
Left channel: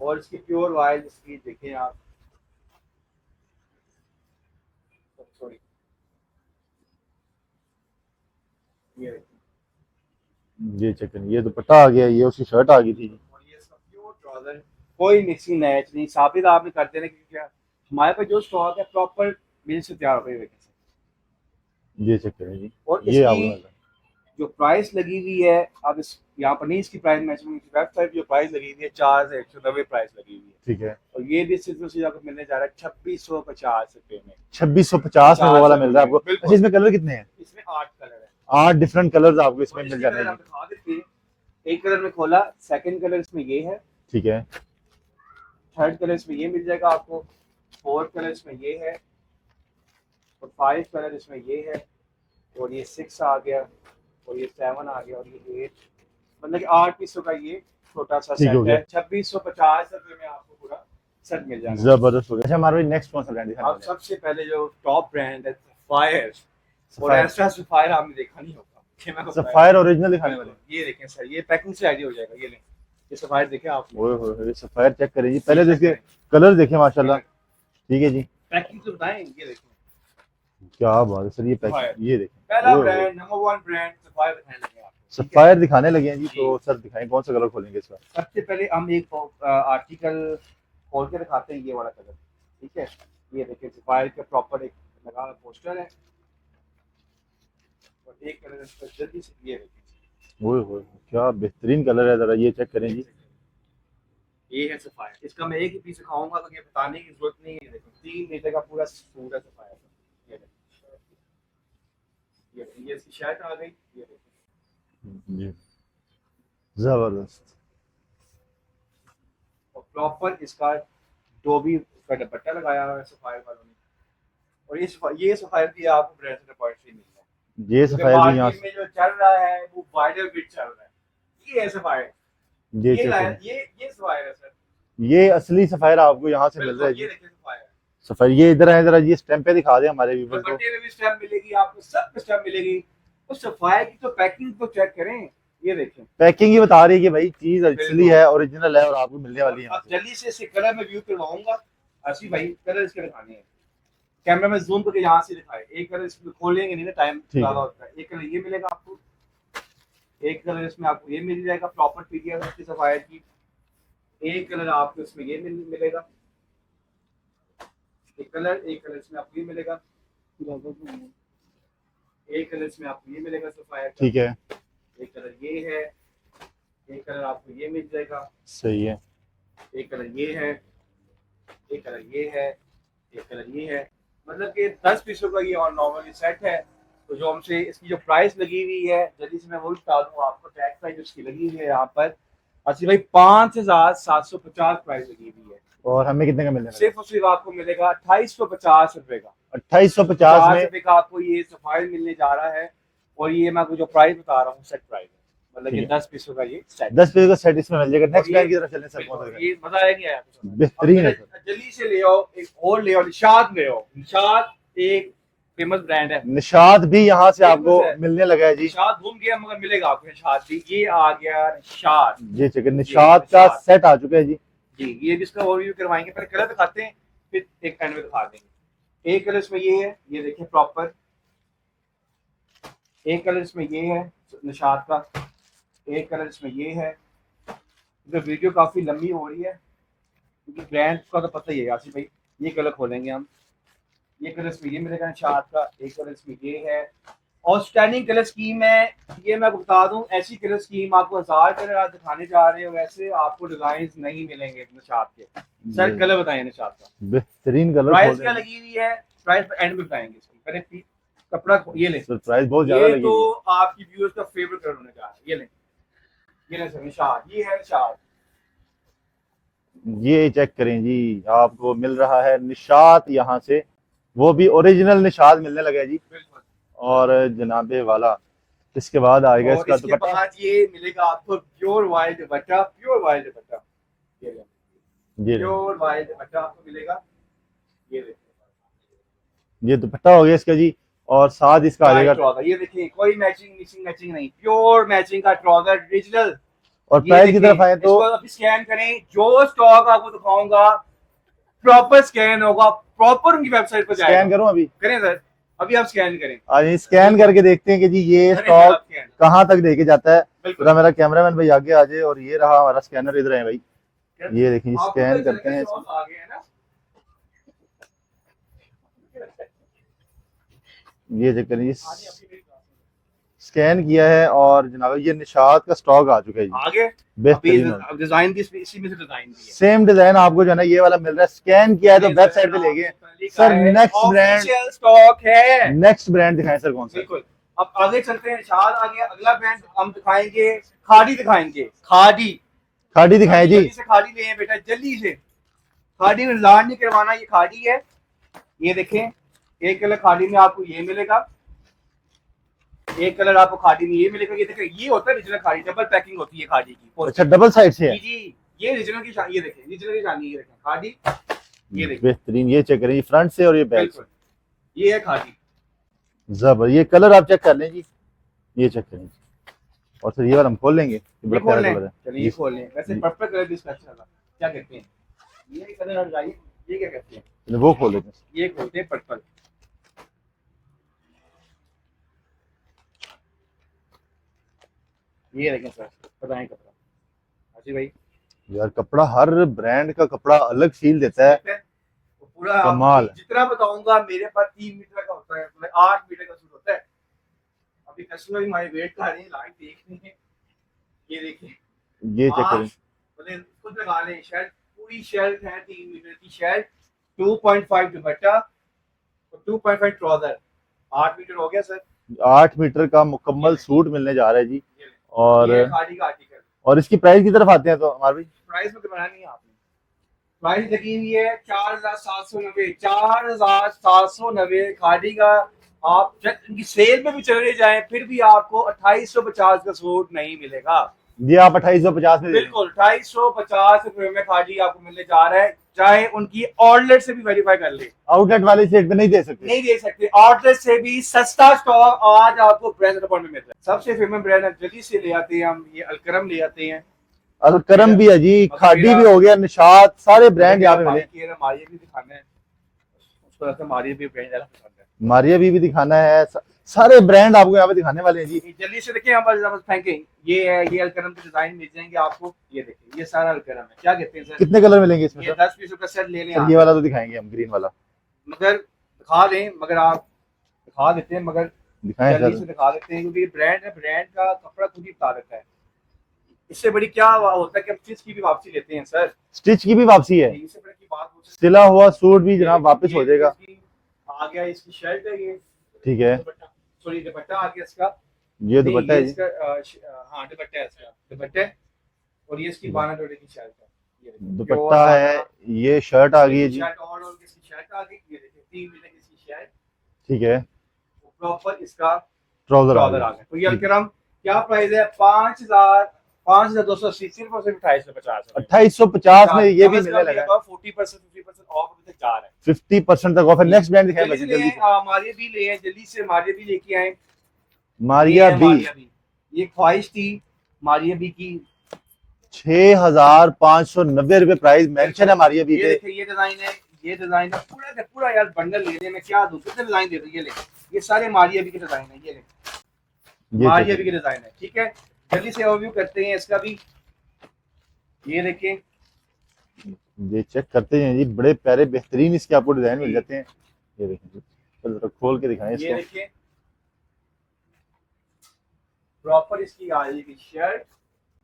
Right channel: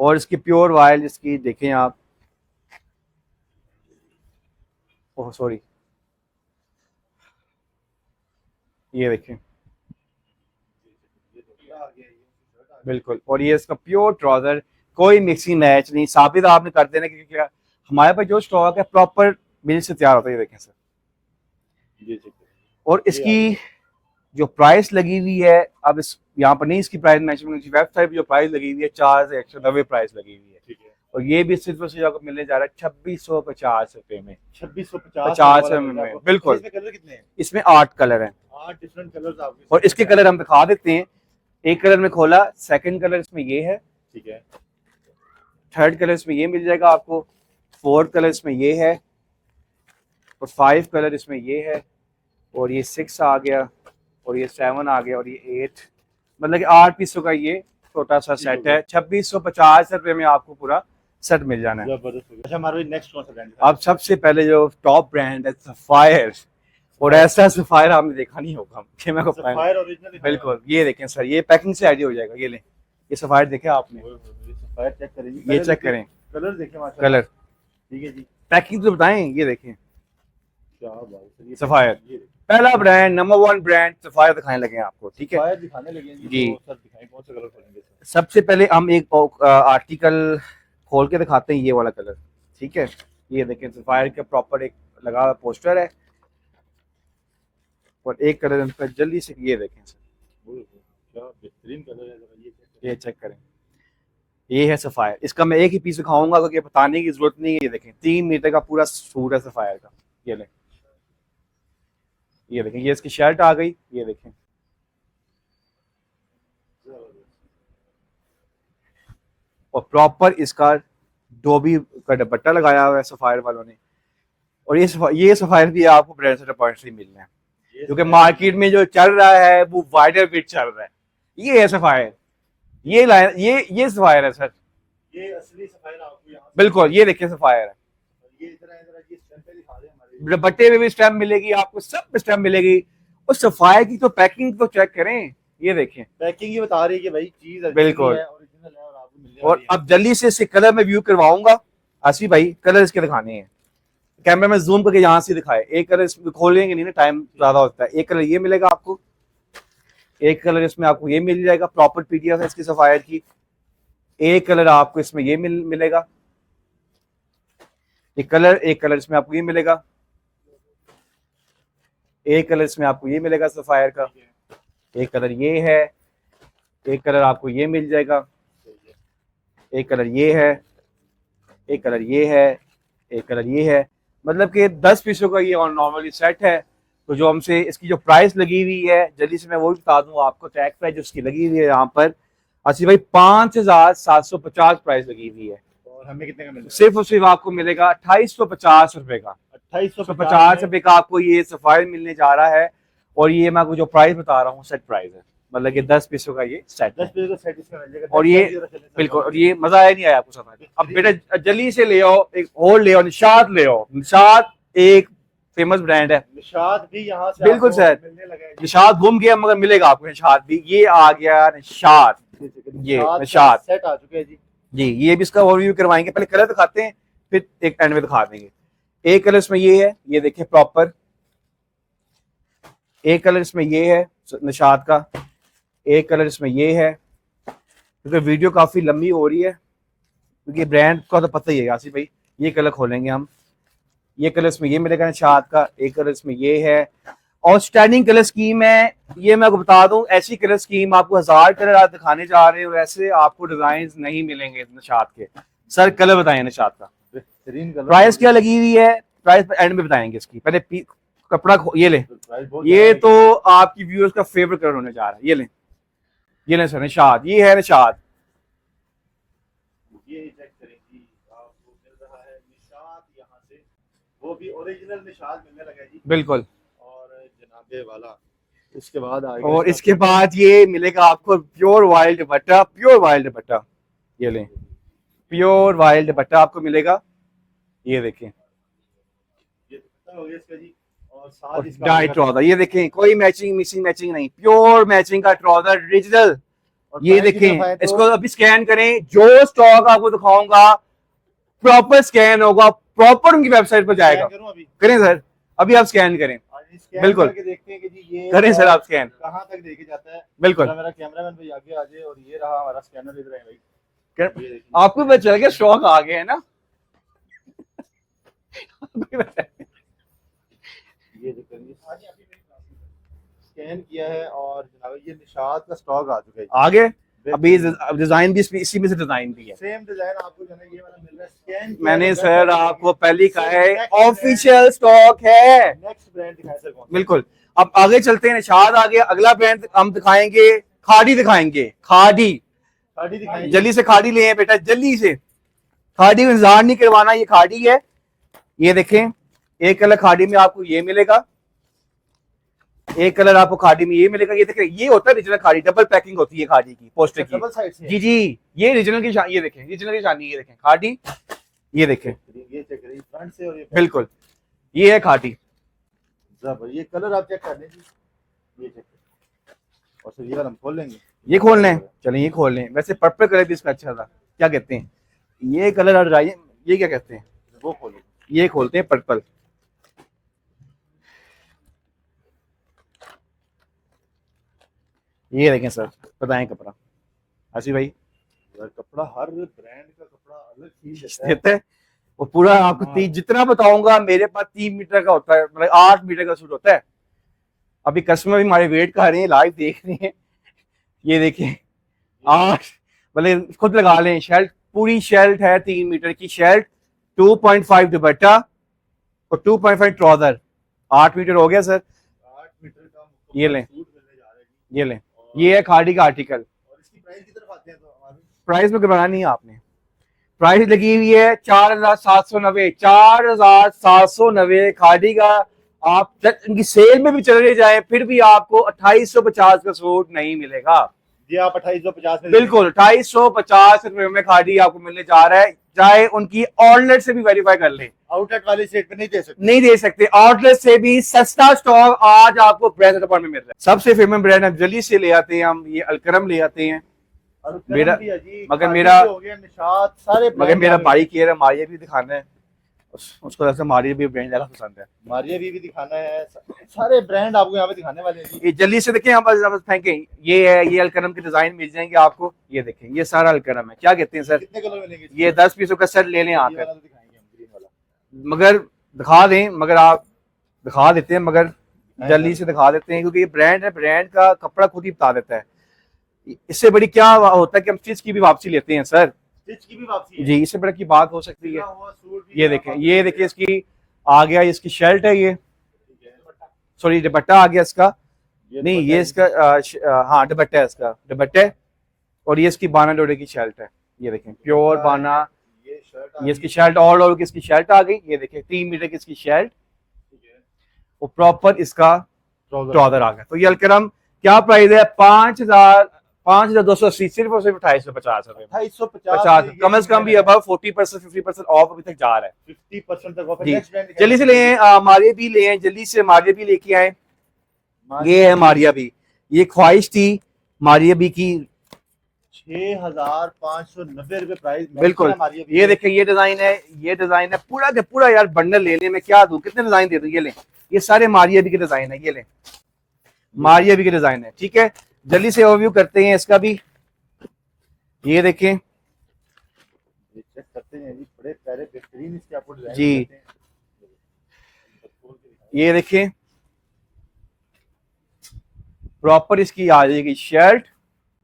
और इसकी प्योर वाइल, इसकी देखें आप, ओह सॉरी, ये देखें, ये चेक करें, ये दुपट्टा आ गया, ये उसकी शर्ट आ गई। बिल्कुल। और ये इसका प्योर ट्राउजर, कोई मिक्सिंग मैच नहीं, साबित आपने कर देना, क्योंकि हमारे पास जो स्टॉक है प्रॉपर मिल से तैयार होता है। ये देखें सर, ये चेक करें जी। और ये इसकी जो प्राइस लगी हुई है, अब इस यहाँ पर नहीं इसकी प्राइस मेंशन, वेबसाइट पे जो प्राइस लगी हुई है 4190 प्राइस लगी हुई है। ठीक है, और ये भी सिर्फ और सिर्फ आपको मिलने जा रहा है 2650 रुपए में। 2650 वाला मिल रहा है आपको। बिल्कुल। इसमें कलर कितने हैं? इसमें 8 कलर हैं, 8 डिफरेंट कलर्स आपको इसमें और इसके मिल कलर हम दिखा देते हैं। एक कलर में खोला, सेकंड कलर इसमें ये है, ठीक है, थर्ड कलर इसमें ये मिल जाएगा आपको, फोर्थ कलर इसमें ये है, और 5 कलर इसमें ये है, और ये 6 आ गया, और ये 7 आ गया, और ये 8, मतलब कि 8 पीसों का ये छोटा सा ठीक हो सेट गया। है। 2650 रुपए में आपको पूरा सेट मिल जाना है। जबरदस्त हो गया। अच्छा हमारे नेक्स्ट कौन सा ब्रांड है? अब सबसे पहले जो टॉप ब्रांड है सफायर, और ऐसा सफायर आपने देखा नहीं होगा कि मैं बताऊं। सफायर ओरिजिनल दिखाएं। बिल्कुल, ये देखें सर, ये पैकिंग से आइडिया हो जाएगा। ये लें, ये सफायर देखें आपने, ओए होए, सफायर चेक करें जी। ये पहले चेक देखिए करें कलर देखें माशाल्लाह। कलर, ठीक है जी, पैकिंग तो बताएं। ये देखें क्या बात है सर। ये सफायर, ये देखें, पहला ओए ब्रांड, नंबर 1 ब्रांड सफायर दिखाने लगे हैं आपको। ठीक है, सफायर दिखाने लगे हैं जी। जी। तो सर दिखाएं कौन सा कलर खोलेंगे इसका? सबसे पहले हम एक आर्टिकल खोल के दिखाते हैं, ये वाला कलर। ठीक है, ये देखें, सफायर के प्रॉपर एक लगा हुआ पोस्टर है, और एक कलर इनका जल्दी से, ये देखें, ओए होए, क्या बेहतरीन कलर है। जरा ये चेक करें ये जी। चेक करें, ये है सफायर। इसका मैं एक ही पीस दिखाऊंगा क्योंकि बताने की जरूरत नहीं है। ये देखें, 3 मीटर का पूरा सूट है सफायर का। ये लें, ये देखें, ये इसकी शर्ट आ गई। ये देखें, जी, जबरदस्त। और प्रॉपर इसका डोबी का दुपट्टा लगाया हुआ है सफायर वालों ने। और ये सफायर भी आपको ब्रांड से पॉइंट से मिलना है, ये क्योंकि सफायर मार्केट में जो चल रहा है वो वाइडर पिट चल रहा है। ये है सफायर, ये लाइन, ये सफायर है सर। ये असली सफायर आपको यहाँ से बिल्कुल, ये देखिए सफायर है। सफाई ये इधर है, जरा ये स्टैम्प पे दिखा दे हमारे viewers को। दुपट्टे में भी स्टैम्प मिलेगी आपको, सब पे स्टैम्प मिलेगी। और सफाई की तो पैकिंग तो चेक करें, ये देखें, पैकिंग ही बता रही है कि भाई चीज असली बिल्कुल। है, ओरिजिनल है और आपको मिलने और वाली है। अब जल्दी से इसके कलर में व्यू करवाऊंगा। आसिफ भाई कलर इसके दिखाने हैं, कैमरे में जूम करके यहाँ से दिखाए। एक कलर इसमें खोलेंगे नहीं ना, टाइम ठीक ज्यादा है। होता है। एक कलर ये मिलेगा आपको, एक कलर इसमें आपको ये मिल जाएगा, प्रॉपर पीडीएफ है इसकी सफायत की। एक कलर आपको इसमें ये मिलेगा, एक कलर इसमें आपको ये मिलेगा, एक कलर इसमें आपको ये मिलेगा सफायर का। ठीक है, एक कलर ये है, एक कलर आपको ये मिल जाएगा, सही है। एक कलर ये है, एक कलर ये है, एक कलर ये है। मतलब कि 10 पीसों का ये नॉर्मली सेट है। तो जो हमसे इसकी जो प्राइस लगी हुई है, जल्दी से मैं वो भी बता दूं आपको, टैग प्राइस जो इसकी लगी हुई है यहाँ पर आसिफ भाई 5,750 प्राइस लगी हुई है। और हमें कितने का मिलेगा? सिर्फ और सिर्फ आपको मिलेगा 2850 रुपए का। 2850 रुपए का आपको ये सफायर मिलने जा रहा है। और ये मैं आपको जो प्राइस बता रहा हूँ सेट प्राइस है, मतलब कि 10 पीसों का ये सेट। 10 पीस का सेट इसमें मिल जाएगा। और ये बिल्कुल, और ये मजा आया नहीं आया आपको समझ? अब बेटा जल्दी से ले आओ, एक और ले आओ, निशात ले आओ। निशात एक फेमस ब्रांड है, निशात भी यहाँ से बिल्कुल आपको सर। मिलने लगा है जी। निशात घूम गया मगर मिलेगा आपको निशात भी। ये आ गया निशात जी चिकन निशात का निशात। सेट आ चुका है जी। जी, ये भी इसका ओवरव्यू करवाएंगे। पहले कलर दिखाते हैं, फिर एक एंड में दिखा देंगे। एक कलर इसमें ये है, ये देखिए प्रॉपर। एक कलर इसमें ये है निशात का, एक कलर इसमें ये है। क्योंकि वीडियो काफी लंबी हो रही है, क्योंकि ब्रांड का तो पता ही है आसिफ भाई। ये कलर खोलेंगे हम, ये कलर इसमें ये मिलेगा निशात का, एक कलर इसमें ये है। आउटस्टैंडिंग कलर स्कीम है ये, मैं आपको बता दूं। ऐसी कलर स्कीम आपको 1000 कलर आप दिखाने जा रहे हो, वैसे आपको डिजाइन नहीं मिलेंगे निशात के। सर कलर बताएं निशात का, बेहतरीन कलर। प्राइस क्या लगी हुई है, प्राइस एंड में बताएंगे इसकी। पहले कपड़ा ये ले, प्राइस बहुत ये तो आपकी व्यूअर्स का फेवरेट कलर होने जा रहा है। ये ले सर निशात, ये है निशात। ये चेक करें जी, आपको मिल रहा है निशात यहाँ से, वो भी ओरिजिनल निशात मिलने लगा है जी। बिल्कुल। और जनाबे वाला इसके बाद आएगा, और इसके बाद ये मिलेगा आपको प्योर वाइल्ड दुपट्टा, प्योर वाइल्ड दुपट्टा। ये लें, प्योर वाइल्ड दुपट्टा आपको मिलेगा। ये देखें, ये दुपट्टा हो गया इसका जी। और साथ इसका ट्राउजर, ये देखें, कोई मैचिंग मिसिंग मैचिंग नहीं, प्योर मैचिंग का ट्राउजर ओरिजिनल। और ये देखें, इसको अभी स्कैन करें, जो स्टॉक आपको दिखाऊंगा प्रॉपर स्कैन होगा, प्रॉपर उनकी वेबसाइट पर जाएगा। स्कैन करूं अभी? करें सर, अभी आप स्कैन करें। आज स्कैन करके देखते हैं कि जी ये करें सर आप स्कैन, कहाँ तक लेके जाता है। बिल्कुल। मेरा कैमरामैन भाई आगे आ जाए। और ये रहा हमारा स्कैनर, इधर है भाई। ये देखिए, आपको पता चल गया स्टॉक आ गया है ना। ये चेक करिए, स्कैन किया है और जनाब ये निशात का स्टॉक आ चुका है जी। आगे अभी डिजाइन भी इसी में से डिजाइन भी है। सेम डिजाइन आपको जो है ना ये वाला मिल रहा है। स्कैन किया है तो सर आपको पहली का है, next ऑफिशियल स्टॉक है। नेक्स्ट ब्रांड दिखाएं सर, कौन सा? बिल्कुल। अब आगे चलते हैं, निशात आ गया। अगला ब्रांड हम दिखाएंगे, खाड़ी दिखाएंगे। खाड़ी, खाड़ी दिखाएं जी। जल्दी से खाड़ी ले बेटा, जल्दी से। खाड़ी में इंतजार नहीं करवाना, ये खाड़ी है। ये देखें, एक कलर खाड़ी में आपको ये मिलेगा, एक कलर आपको खाड़ी में ये मिलेगा। ये देखें, ये होता है ओरिजिनल खाड़ी, डबल पैकिंग होती है खाड़ी की। अच्छा, डबल साइड से है जी, ये ओरिजिनल की ये देखें, ओरिजिनल की शानी। ये देखें खाड़ी, ये देखें बेहतरीन। ये चेक करें, ये फ्रंट से और ये बैक। बिल्कुल, ये है खाड़ी। जबर, ये कलर आप चेक कर लें जी, ये चेक करें। और सर ये वाला हम खोल लेंगे, ये खोल लें, चलें ये खोल लें। वैसे पर्पल कलर भी इसका अच्छा था, क्या कहते हैं ये कलर आ रहा है, ये क्या कहते हैं, वो खोल लेते हैं। ये खोलते हैं पर्पल। ये देखें सर, बताएं कपड़ा आसिफ भाई। यार कपड़ा, हर ब्रांड का कपड़ा अलग फील देता है। वो पूरा आपको जितना बताऊंगा, मेरे पास 3 मीटर का होता है, मतलब 8 मीटर का सूट होता है। अभी कस्टमर भी हमारे वेट कर रहे हैं, लाइव देख रहे हैं। ये देखें, ये मतलब खुद लगा लें। शर्ट, पूरी शर्ट है 3 मीटर की शर्ट, 2.5 दुपट्टा और 2.5 ट्राउजर। 8 मीटर हो गया सर। 8 मीटर का मुकम्मल सूट मिलने जा रहा है जी। ये लें, और ये है खाड़ी का आर्टिकल। और इसकी प्राइस की तरफ आते हैं तो हमारे भाई, प्राइस में घबराना नहीं है आपने। प्राइस लगी हुई है 4,790, 4,790 खाड़ी का। आप इनकी सेल में भी चले जाए फिर भी आपको 2850 का सूट नहीं मिलेगा। जी आप 2850 में, बिल्कुल 2850 रुपए में खाड़ी आपको मिलने जा रहा है। चाहे उनकी आउटलेट से भी वेरीफाई कर ले, आउटलेट वाले से नहीं दे सकते। नहीं दे सकते। आउटलेट से भी सस्ता स्टॉक आज आपको ब्रांड में मिल रहा है। सबसे फेमस ब्रांड हम जल्दी से ले आते हैं, हम ये अलकरम ले आते हैं। अलकरम भी है जी, मगर खादी मेरा- भी हो गया, निशात, सारे ब्रांड। मेरा भाई कह रहा है मारिया भी दिखाना है, उसको ऐसा मारिया भी ब्रांड ज्यादा पसंद है। मारिया भी दिखाना है, सारे ब्रांड आपको यहाँ पे दिखाने वाले हैं जी। ये जल्दी से देखें, आप फेंकें, ये है, ये अलकरम के डिजाइन मिल जाएंगे आपको। ये देखें, ये सारा अलकरम है। क्या कहते हैं सर? कितने कलर मिलेंगे इसमें? ये 10 पीसों का सेट ले लें आप। ये वाला तो दिखाएंगे हम, ग्रीन वाला मगर दिखा दें, मगर आप दिखा देते हैं, मगर दिखाएं जल्दी से दिखा देते हैं, क्योंकि ये ब्रांड है, ब्रांड का कपड़ा खुद ही बता देता है। इससे बड़ी क्या होता है कि हम स्टिच की भी वापसी लेते हैं सर। स्टिच की भी वापसी है जी, इससे बड़ी की बात हो सकती है। सिला हुआ सूट भी ये जनाब वापस देखिए, हो ये देखिए, जाएगा। इसकी आ गया, इसकी शर्ट है ये, ठीक है, सॉरी दुपट्टा आ गया इसका, ये नहीं दुपट्टा ये है। इसका हाँ दुपट्टा है इसका, दुपट्टा है। और ये इसकी बाना डोरे की शर्ट है। ये देखिए प्योर दुपट्टा बाना, है, ये शर्ट आ ये गई इसकी है। शर्ट ऑल ओवर की इसकी शर्ट आ गई। ये देखिए 3 मीटर की इसकी शर्ट, ठीक है, और प्रॉपर इसका ट्राउजर ट्राउजर आ गया। तो ये अलकरम क्या प्राइस है? 5,280, सिर्फ और सिर्फ 2850 रुपए। 2850 में ये कम से कम भी अब 40% 50% ऑफ अभी तक जा रहा है। 50% तक ऑफ है। जी। नेक्स्ट ब्रांड जल्दी से ले मारिया भी ले आए, जल्दी से मारिया भी लेके आए। ये मारिया है मारिया भी, ये ख्वाहिश थी मारिया भी की। 6590 रुपए प्राइस मेंशन है मारिया भी। ये देखिए, ये डिजाइन है, ये डिजाइन है पूरा के पूरा। यार बंडल ले ले, मैं क्या दूं, कितने डिजाइन दे दूं? ये ले, ये सारे मारिया भी के डिजाइन है। ये ले, मारिया भी के डिजाइन है। ठीक है, जल्दी से ओवरव्यू करते हैं इसका भी। ये देखें, ये चेक करते हैं जी, बड़े प्यारे बेहतरीन इसके आपको डिजाइन जी। मिल जाते हैं। ये देखें, चलो खोल के दिखाएं ये इसको। देखें, प्रॉपर इसकी आ जाएगी शर्ट।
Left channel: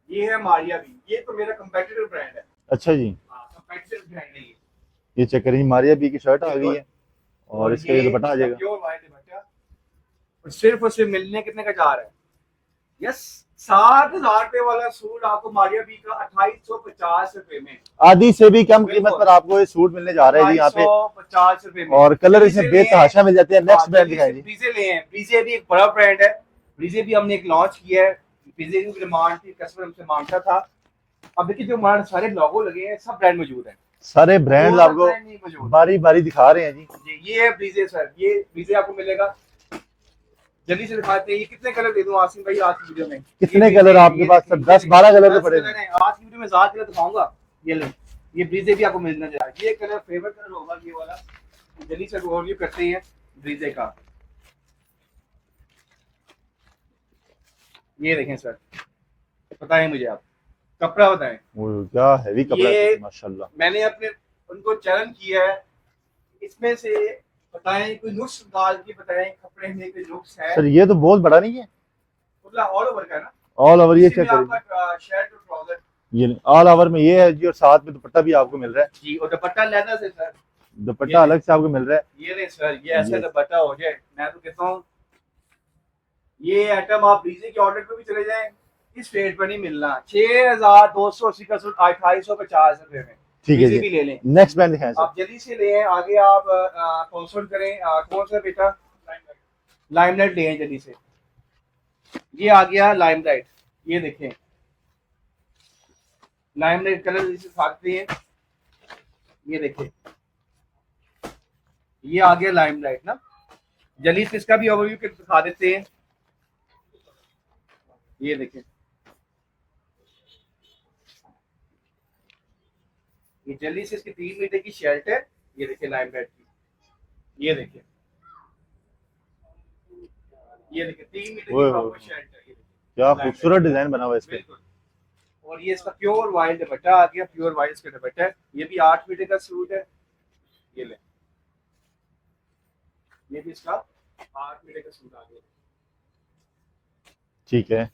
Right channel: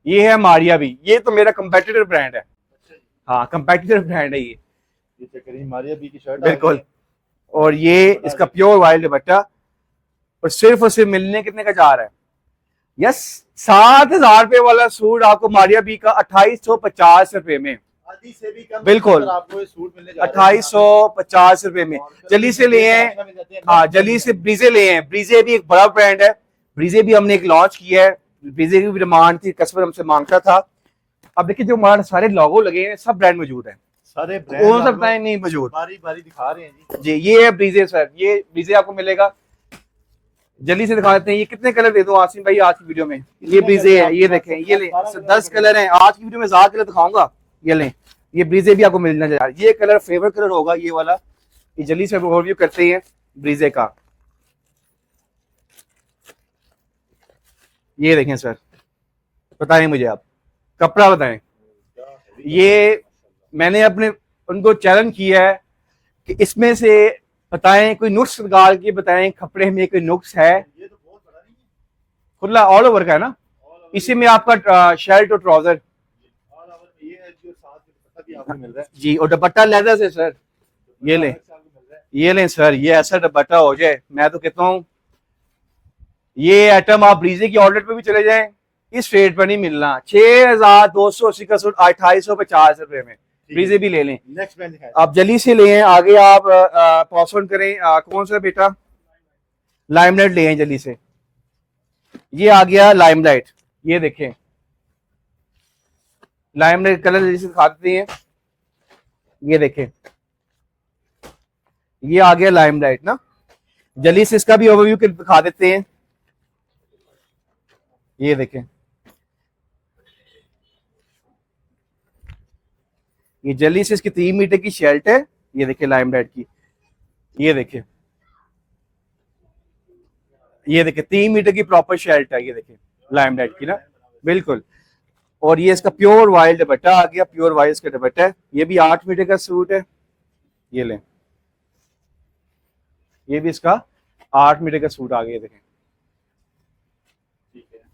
ये है मारिया भी, ये तो मेरा कंपेटिटर ब्रांड है। अच्छा जी, हाँ, कंपेटिटर ब्रांड है ये चेक करें, मारिया बी की शर्ट आ गई बिल्कुल। है। और इसका ये दुपट्टा आ इसका जाएगा। प्योर वाइल्ड दुपट्टा, और सिर्फ मिलने कितने का जा रहा है? यस, 7,000 रुपए वाला सूट आपको मारिया बी का 2850 रुपए में, आधी से भी कम बिल्कुल। कीमत पर आपको ये सूट मिलने जा रहा है यहाँ पे। 2850 रुपए में। और कलर जल्दी से ले आए। बेतहाशा मिल जाते हैं। हाँ, Next brand जल्दी से दिखाएं जी। ब्रीजे ले आए। ब्रीजे भी एक बड़ा ब्रांड है, ब्रीजे भी हमने एक लॉन्च किया है। ब्रीजे की भी डिमांड थी, कस्टमर हमसे मांगता था। अब देखिए, जो हमारे सारे लोगो लगे हैं, सब ब्रांड मौजूद है। सारे हो ब्रांड सकता आपको है नहीं मौजूद। बारी बारी दिखा रहे हैं जी। जी, ये है ब्रीजे सर, ये ब्रीजे आपको मिलेगा। जल्दी से दिखा देते हैं। ये कितने कलर दे दूं आसिम भाई आज की वीडियो में? कितने ये ब्रीजे कलर है, आपके ये पास? देखें, 10-12 कलर 10 कलर हैं। आज की वीडियो में ज्यादा कलर दिखाऊंगा। ये लें, ये ब्रीजे भी आपको मिलना चाहिए। ये कलर फेवरेट कलर होगा, ये वाला। ये जल्दी से ओवरव्यू करते हैं ब्रीजे का। ये देखें सर, बताएं मुझे आप, कपड़ा बताएं। वो क्या हैवी कपड़ा ये है, माशाल्लाह। मैंने अपने उनको चैलेंज किया है कि इसमें से बताएं, कोई नुक्स निकाल के बताएं, कपड़े में कोई नुक्स है। पर ये तो बहुत बड़ा नहीं है, खुला ऑल ओवर का है ना, ऑल ओवर। इसी में आपका शर्ट और ट्राउजर ये ऑल ओवर में ये है जी, और साथ में दुपट्टा भी आपको मिल रहा है। जी, और दुपट्टा लेदर से सर। ये दुपट्टा ले। अलग से आपको मिल रहा है। ये लें सर, ये ऐसा दुपट्टा हो जाए, मैं तो कहता हूँ ये आइटम आप ब्रीजे की आउटलेट पे भी चले जाएं, इस रेट पर नहीं मिलना। 6,280 का सूट 2850 रुपए में। ठीक है ब्रीजे जी। भी ले लें। नेक्स्ट ब्रांड दिखाएं। आप जल्दी से ले आगे, आप पॉसवन करें। कौन सा बेटा? लाइमलाइट ले आए जल्दी से। ये आ गया लाइमलाइट, ये देखें लाइमलाइट कलर जल्दी से दिखा देते हैं। ये देखें, ये आ गया लाइमलाइट ना। जल्दी से इसका भी ओवरव्यू दिखा देते हैं। ये देखें, ये जल्दी से इसकी 3 मीटर की शर्ट है। ये देखिए लाइमलाइट की, ये देखिए, ये देखिए 3 मीटर की ओए प्रॉपर शर्ट है। ये देखिए क्या लाइमलाइट खूबसूरत की ना? डिजाइन बना हुआ है इसका। बिल्कुल। और ये इसका प्योर वाइल्ड दुपट्टा आ गया, प्योर वाइल्ड इसका दुपट्टा है। ये भी 8 मीटर का सूट है। ये लें, ये भी इसका 8 मीटर का सूट आ गया, देखें। ठीक है,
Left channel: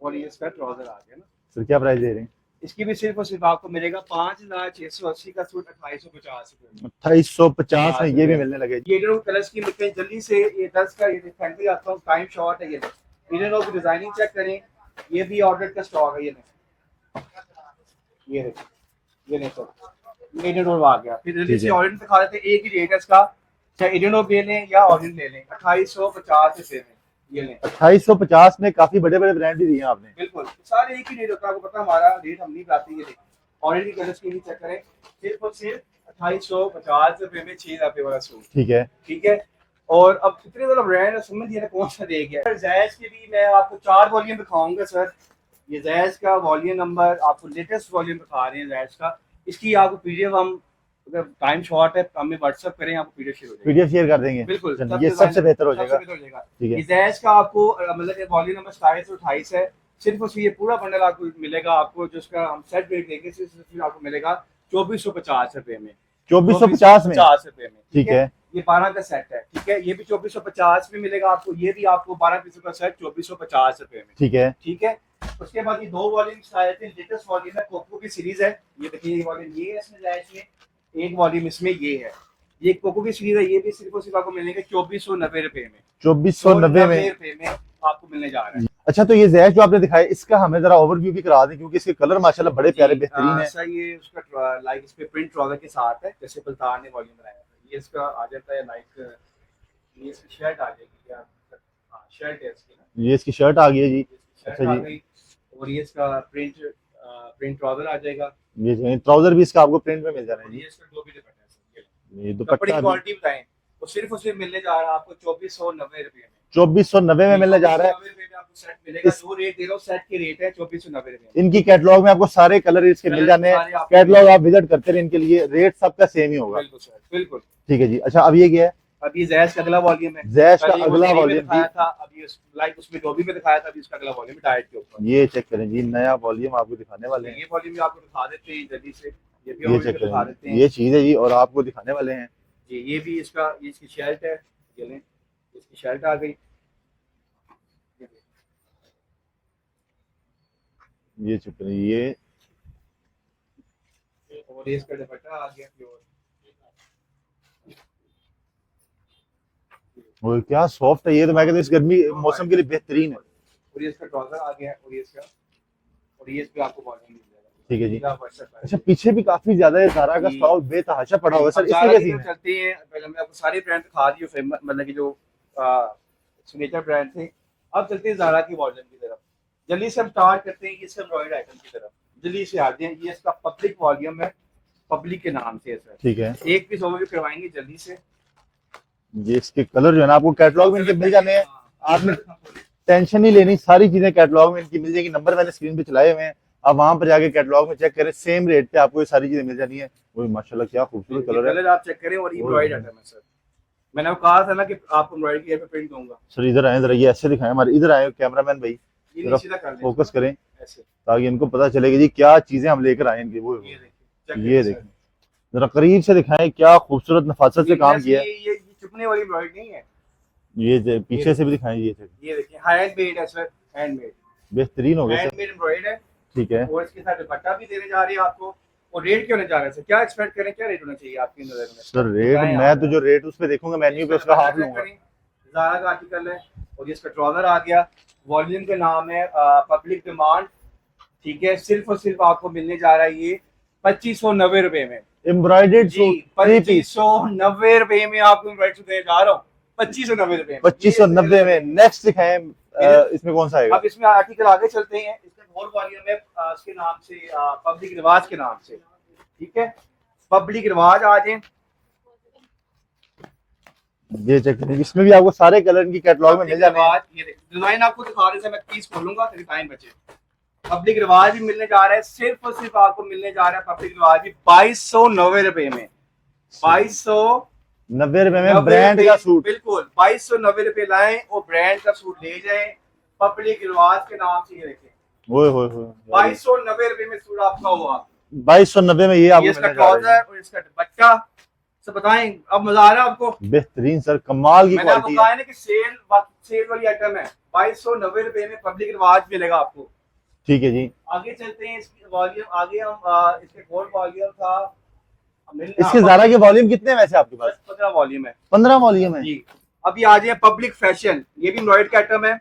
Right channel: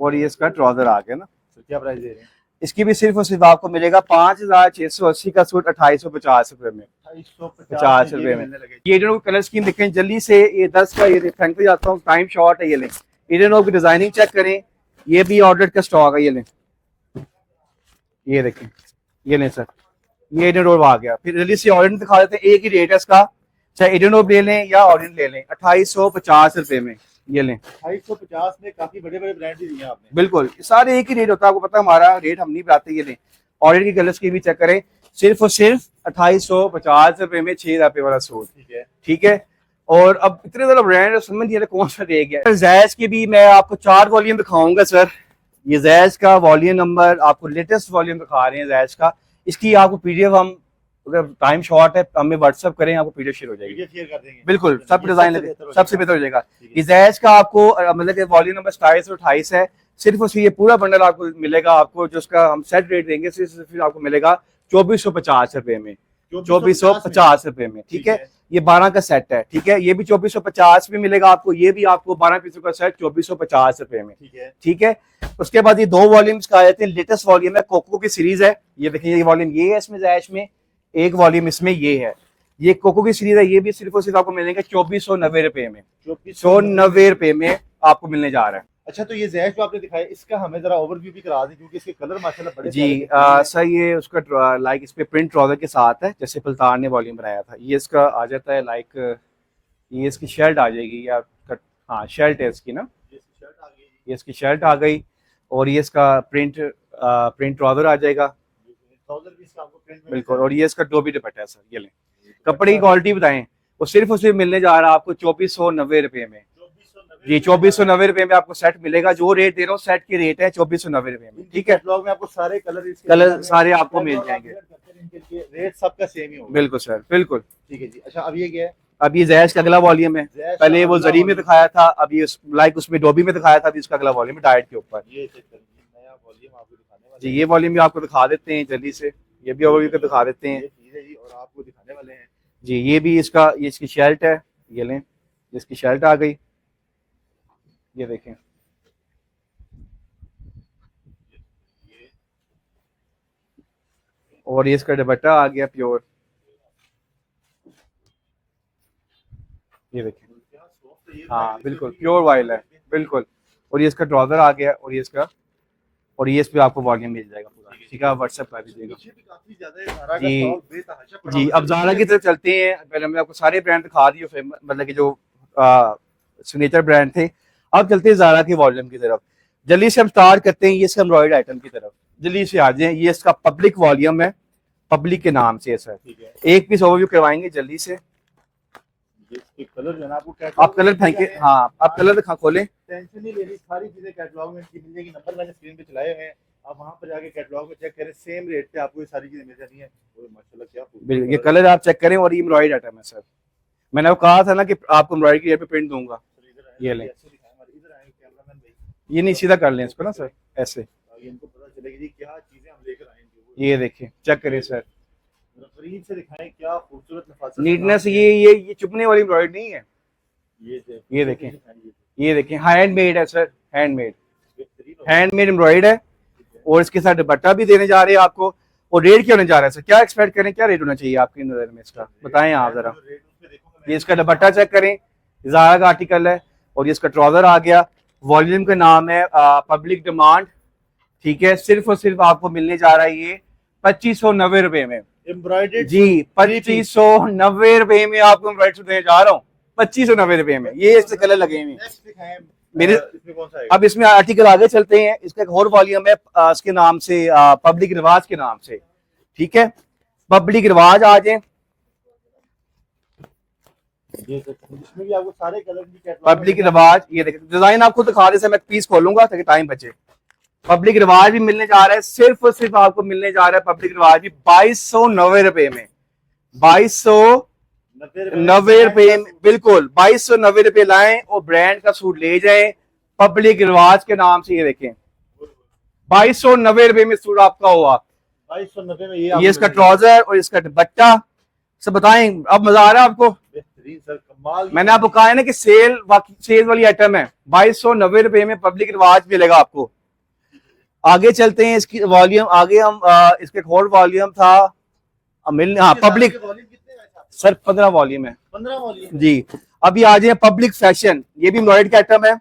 और ये इसका ट्राउजर आ गया ना। सर क्या प्राइस दे रहे हैं? इसकी भी सिर्फ और सिर्फ आपको मिलेगा 5,680 का सूट 2850 रुपए में। 2850 में ये भी रुपए। मिलने लगे। ये जो कलर स्कीम देखें जल्दी से, ये 10 का, ये फ्रंट पे जाता हूँ, टाइम शॉर्ट है। ये लें, इधर की डिजाइनिंग चेक करें। ये भी ऑर्डर का स्टॉक है। ये लें, ये देखें, ये लें सर, ये इंडियन रोड आ गया। फिर जल्दी से ऑरेंज दिखा देते हैं। एक ही रेट है इसका, चाहे इंडियन रोड ले लें या ऑरेंज ले लें, 2850 रुपए में। ये लें, 2850 में काफी बड़े बड़े ब्रांड भी दिए हैं आपने। बिल्कुल सारे एक ही रेट होता है, आपको पता है हमारा रेट हम नहीं बताते। ये लें, ऑरेंज की कलर की भी चेक करें, सिर्फ और सिर्फ 2850 रुपए में 6 रुपए वाला सूट। ठीक है, ठीक है। और अब इतने ज्यादा ब्रांड है, समझ नहीं आ रहा कौन सा दे गया। जैज की भी मैं आपको 4 वॉल्यूम दिखाऊंगा सर। ये जैज का वॉल्यूम नंबर आपको लेटेस्ट वॉल्यूम दिखा रहे हैं जैज का। इसकी आपको पीडीएफ हम, अगर टाइम शॉर्ट है हमें व्हाट्सएप करें, आपको पीडीएफ शेयर हो जाएगी। पीडीएफ शेयर कर देंगे, बिल्कुल, चलिए, सब ये डिजाइन सबसे बेहतर हो जाएगा। ठीक है। ये जैज का आपको मतलब वॉल्यूम नंबर 27 और 28 है। सिर्फ उसकी ये पूरा बंडल आपको मिलेगा, आपको जो उसका हम सेट रेट देंगे सिर्फ आपको मिलेगा 2450 रुपए में, 2450 रुपए में। ठीक है। ये 12 का सेट है। ठीक है। ये भी 2450 में मिलेगा आपको, ये भी आपको 12 पीसों का सेट 2450 रुपए में। ठीक है। ठीक है। उसके बाद ये 2 वॉल्यूम्स का आए थे, लेटेस्ट वॉल्यूम है, कोको की सीरीज है। ये देखिए, ये वॉल्यूम ये है इसमें जैश में, एक वॉल्यूम इसमें ये है। ये कोको की सीरीज है, ये भी सिर्फ और सिर्फ आपको मिलेंगे 2490 रुपए में। 2490 रुपए में आपको मिलने जा रहा है। अच्छा, तो ये जैश जो आपने दिखाया, इसका हमें जरा ओवरव्यू भी करा दें, क्योंकि इसके कलर माशाल्लाह बड़े प्यारे हैं। सर ये उसका लाइक इस पे प्रिंट ट्राउजर के साथ है, जैसे पलतान ने वॉल्यूम बनाया था। ये इसका आ जाता है लाइक, ये इसकी शर्ट आ जाएगी या हाँ शर्ट है इसकी ना, ये इसकी शर्ट आ गई है जी, ये इसकी शर्ट आ गई। और ये इसका प्रिंट ट्राउजर आ जाएगा। ये ट्राउजर भी इसका आपको प्रिंट में मिल जाएगा। और ये इसका डोबी दुपट्टा है सर। ये लें, ये दुपट्टा कपड़े की क्वालिटी बताएं, वो सिर्फ और सिर्फ मिलने जा रहा है आपको 2490 रुपए में। 2490 में 2490 रुपए में आपको सेट मिलेगा। जो रेट दे रहा हूँ सेट के रेट है 2490 रुपए में। इनकी कैटलॉग में आपको सारे कलर इसके मिल जाने हैं। सारे आपको कैटलॉग आप विजिट करते रहे, इनके लिए रेट सबका सेम ही होगा। बिल्कुल सर, बिल्कुल। ठीक है जी। अच्छा, अब ये क्या है? अब ये जैश का अगला वॉल्यूम है। जैश पहले वो अगला जरी में volume दिखाया था, अब ये लाइक उसमें डोबी में दिखाया था, अभी इसका अगला वॉल्यूम है डाइट के ऊपर। ये चेक करें जी, नया वॉल्यूम आपको दिखाने वाले जी, हैं। ये वॉल्यूम भी आपको दिखा देते हैं जल्दी से, ये भी ओवरव्यू पे दिखा देते हैं। ये चीज है जी, और आपको दिखाने वाले हैं जी। ये भी इसका, ये इसकी शर्ट है, ये लें, इसकी शर्ट आ गई, ये देखें। ये चेक करें, ये और ये इसका दुपट्टा आ गया प्योर, ये देखिए। और क्या सॉफ्ट है ये, तो मैं कहता हूं इस गर्मी प्योर मौसम के लिए वाइल, बेहतरीन। बिल्कुल। और ये इसका ट्राउजर आ गया, और ये इसका, और ये इस पे आपको वॉल्यूम मिल जाएगा। ठीक है जी, आप व्हाट्सएप कर अच्छा, दीजिएगा। पीछे भी काफी ज्यादा है ज़ारा का जी। स्टॉक बेतहाशा पड़ा जी, हुआ है। अब ज़ारा की तरफ चलते हैं। पहले मैं आपको सारे ब्रांड दिखा दिए, मतलब कि जो सिग्नेचर ब्रांड थे। अब चलते हैं ज़ारा के वॉल्यूम की तरफ। जल्दी से हम स्टार्ट करते हैं ये इसका एम्ब्रॉयडर्ड आइटम की तरफ। जल्दी से आ जाए, ये इसका पब्लिक वॉल्यूम है, पब्लिक के नाम से है सर। ठीक है। एक पीस ओवरव्यू करवाएंगे जल्दी से। ये इसके कलर जो है ना आपको कैटलॉग में मिल जाते हैं। हाँ, आप कलर दिखा, खोलें। टेंशन नहीं लेनी, सारी चीजें कैटलॉग में इनकी मिल जाएगी। नंबर मैंने स्क्रीन पे चलाए हुए हैं, आप वहां पर जाके कैटलॉग में चेक करें, सेम रेट पे आपको ये सारी चीजें मिल जानी है। वो माशाल्लाह क्या खूबसूरत ये कलर आप चेक करें। और ये एम्ब्रॉयडर्ड आइटम है सर। मैंने आपको कहा था ना कि आपको एम्ब्रॉयडरी की पे प्रिंट दूंगा। सर इधर आए जरा, ये ऐसे दिखाएं, हमारे इधर आए कैमरामैन भाई, ये नहीं सीधा कर लें, फोकस करें ऐसे, ताकि इनको पता चलेगा जी क्या चीजें हम लेकर आए इनकी। वो ये देखिए, चेक करें सर, जरा करीब से दिखाएं, क्या खूबसूरत नफासत से काम किया है। ये चुभने वाली एम्ब्रॉयडरी नहीं है। ये पीछे से भी दिखाएं, ये देखिए, हैंडमेड है सर, हैंडमेड, बेहतरीन हो गया, हैंडमेड एम्ब्रॉयडर्ड है। ठीक है। और इसके साथ दुपट्टा भी देने जा रहे हैं आपको। और रेट क्या होने जा रहा है सर? क्या एक्सपेक्ट करें, क्या रेट होना चाहिए आपकी नजर में? सर रेट, मैं तो जो रेट उस पे देखूंगा, मैं इसका दुपट्टा चेक करें, ज़ारा का आर्टिकल है। और ये इसका ट्राउजर आ गया, वॉल्यूम का नाम है पब्लिक डिमांड। ठीक है। सिर्फ और सिर्फ आपको मिलने जा रहा है ये 2590 रुपए में एम्ब्रॉयडर्ड। जी, 2590 रुपए में आपको एम्ब्रॉयडरी देने जा रहा हूँ, 2590 रुपए में। ये नेक्स्ट दिखाएं, इसमें कौन सा आएगा? अब इसमें आर्टिकल आगे चलते हैं। इसका एक और वॉल्यूम है इसके नाम से, पब्लिक रिवाज के नाम से। ठीक है। पब्लिक रिवाज आ जाए, ये चेक करें, इसमें भी आपको सारे कलर की कैटलॉग पब्लिक रिवाज। ये देखिए डिजाइन आपको दिखा दे, मैं पीस खोलूंगा ताकि टाइम बचे। पब्लिक रिवाज भी मिलने जा रहा है, सिर्फ और सिर्फ आपको मिलने जा रहा है पब्लिक रिवाज भी 2290 रुपए में। 2290 रुपए, बिल्कुल 2290 रुपए लाएं और ब्रांड का सूट ले जाएं पब्लिक रिवाज के नाम से। ये देखें, 2290 रुपए में सूट आपका हुआ। 2290 में ये इसका ट्राउजर और इसका दुपट्टा। सब बताएं, अब मजा आ रहा है आपको? बेहतरीन सर, कमाल की। मैंने आपको कहा है ना कि सेल वाली आइटम है। 2290 रुपए में पब्लिक रिवाज मिलेगा आपको। ठीक है जी, आगे चलते हैं। इसकी वॉल्यूम आगे हम इसके एक और वॉल्यूम था पब्लिक के वॉल्यूम कितने वैसे आपके पास? सर 15 वॉल्यूम है। 15 वॉल्यूम है जी। अभी आ जाए पब्लिक फैशन, ये भी एम्ब्रॉयडर्ड का आइटम है।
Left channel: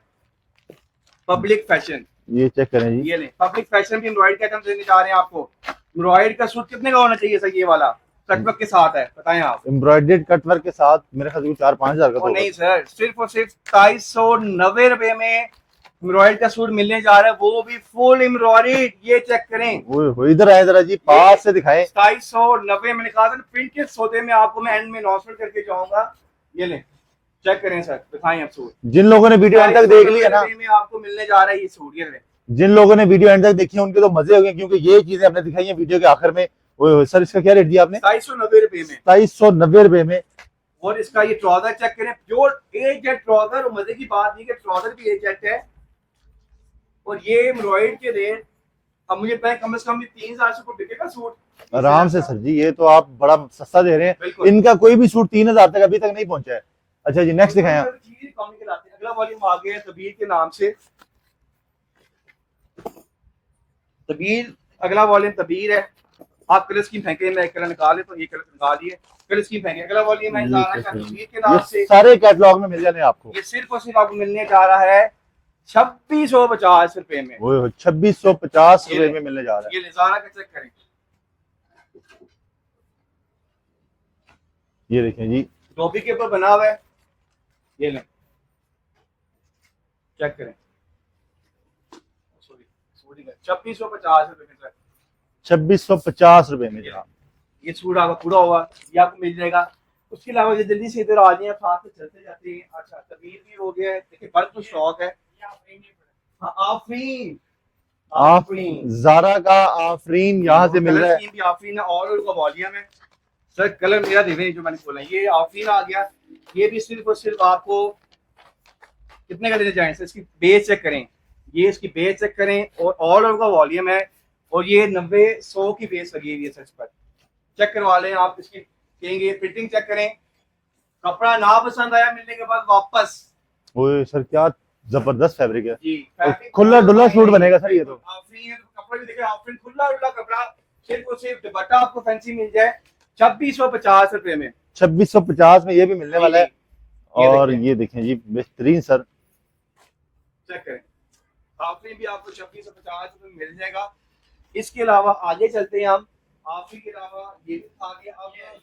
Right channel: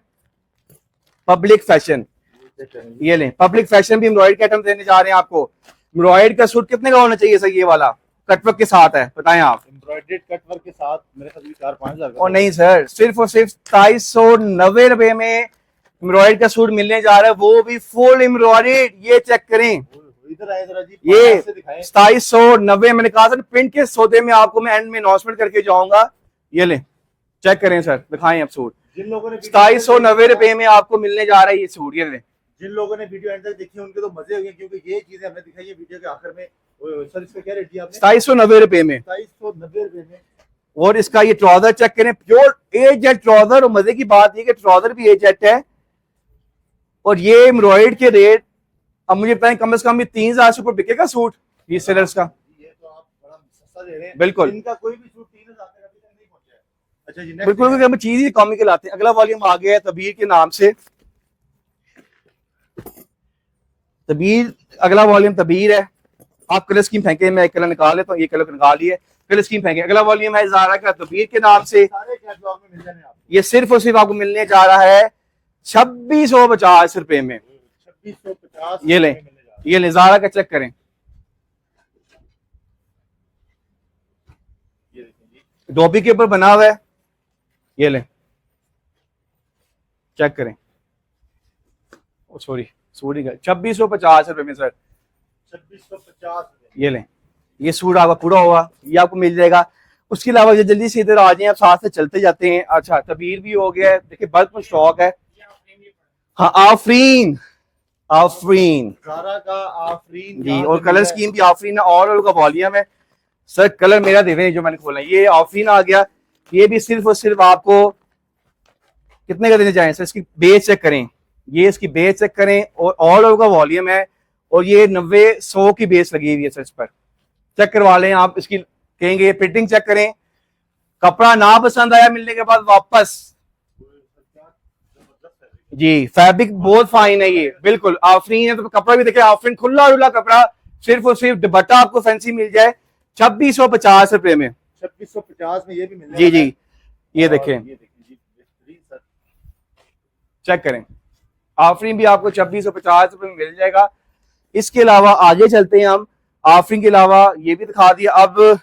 पब्लिक फैशन, ये चेक करें जी, ये लें, पब्लिक फैशन भी एम्ब्रॉयडर्ड का आइटम देने जा रहे हैं आपको। एम्ब्रॉयडर्ड का सूट कितने का होना चाहिए सर? ये वाला कटवर्क के साथ है, बताएं आप। एम्ब्रॉयडर्ड कटवर्क के साथ मेरे ख्याल से 4-5 हजार का। नहीं सर, सिर्फ और सिर्फ 2290 रुपए में एम्ब्रॉयड का सूट मिलने जा रहा है, वो भी फुल एम्ब्रॉयड। ये चेक करें, ओए इधर आए जरा जी, पास से दिखाएं। 2790 मैंने कहा था प्रिंट के सौदे में आपको मैं एंड में अनाउंसमेंट करके जाऊंगा। ये ले चेक करें सर, दिखाएं आप सूट। जिन लोगों ने वीडियो 290 रुपए में आपको मिलने जा रहा है ये सूट। ये ले, जिन लोगों ने वीडियो एंड तक देखी है उनके तो मजे हो गए, क्योंकि ये चीजें हमने दिखाई है वीडियो के आखिर में। ओए सर इसका क्या रेट दिया आपने? 290 रुपए में। 290 रुपए में। और इसका ये ट्राउजर चेक करें, प्योर ए जेट ट्राउजर। और मजे की बात ये कि ट्राउजर भी ए जेट है। और ये एम्ब्रॉयड के रेट अब मुझे बताएं कम से कम 3000 से ऊपर बिकेगा सूट आराम से सर जी, ये तो आप बड़ा सस्ता दे रहे हैं। बिल्कुल, इनका कोई भी सूट 3000 तक अभी तक नहीं पहुंचा है। अच्छा जी नेक्स्ट हम चीज ही कॉमिकल आते हैं। अगला वॉल्यूम आ गया है तबीर के नाम से। तबीर, अगला वॉल्यूम तबीर है। आप कलर स्कीम फेंके, मैं एक कलर निकाल लेता हूँ, ये कलर निकाल लिए, कलर स्कीम फेंके। अगला वॉल्यूम है ज़ारा का तबीर के नाम से। सारे कैटलॉग में मिल जाने आपको। ये सिर्फ और सिर्फ आपको मिलने जा रहा है 2650 रुपए में। 2650 ये ले, में मिलने जा रहा है। ये ले ज़ारा का चेक करें, ये देखें जी, धोबी के ऊपर बना हुआ है। ये ले चेक करें, सॉरी 2650 रुपए में सर। 2650 रुपए में। ये लें, ये सूट आपका पूरा होगा, ये आपको मिल जाएगा। उसके अलावा जल्दी से इधर आ जाए, आप साथ से चलते जाते हैं। अच्छा तबीर भी हो गया है, देखिए बल्क में स्टॉक है। हाँ आफरीन, आफरीन ज़ारा का आफरीन यहाँ से कलर स्कीम भी आफरीन और का वॉल्यूम है सर। कलर मेरा देख रहे हैं जो मैंने खोला, ये आफरीन आ गया। ये भी सिर्फ और सिर्फ आपको कितने का देने जाए सर? इसकी बेस चेक करें, ये इसकी बेस चेक करें और ऑल ओवर का वॉल्यूम है। और ये 90-100 की बेस लगी हुई है सर। इस पर चेक करवा लें आप, इसकी कहेंगे फिटिंग चेक करें। कपड़ा ना पसंद आया मिलने के बाद वापस। ओए सर क्या जबरदस्त फैब्रिक है जी, फैब्रिक खुला बहुत फाइन है बनेगा बिल्कुल। आफरीन है तो कपड़ा भी देखिए, आफरीन खुला डुला कपड़ा। सिर्फ और सिर्फ दुपट्टा आपको फैंसी मिल जाए 2650 रुपए में। 2650 में ये भी मिलने जी वाला है। ये और देखें, ये देखें जी बेहतरीन सर, चेक करें। आफरीन भी आपको 2650 रुपए में मिल जाएगा। इसके अलावा आगे चलते हैं हम। आफरीन के अलावा ये भी दिखा दिया। अब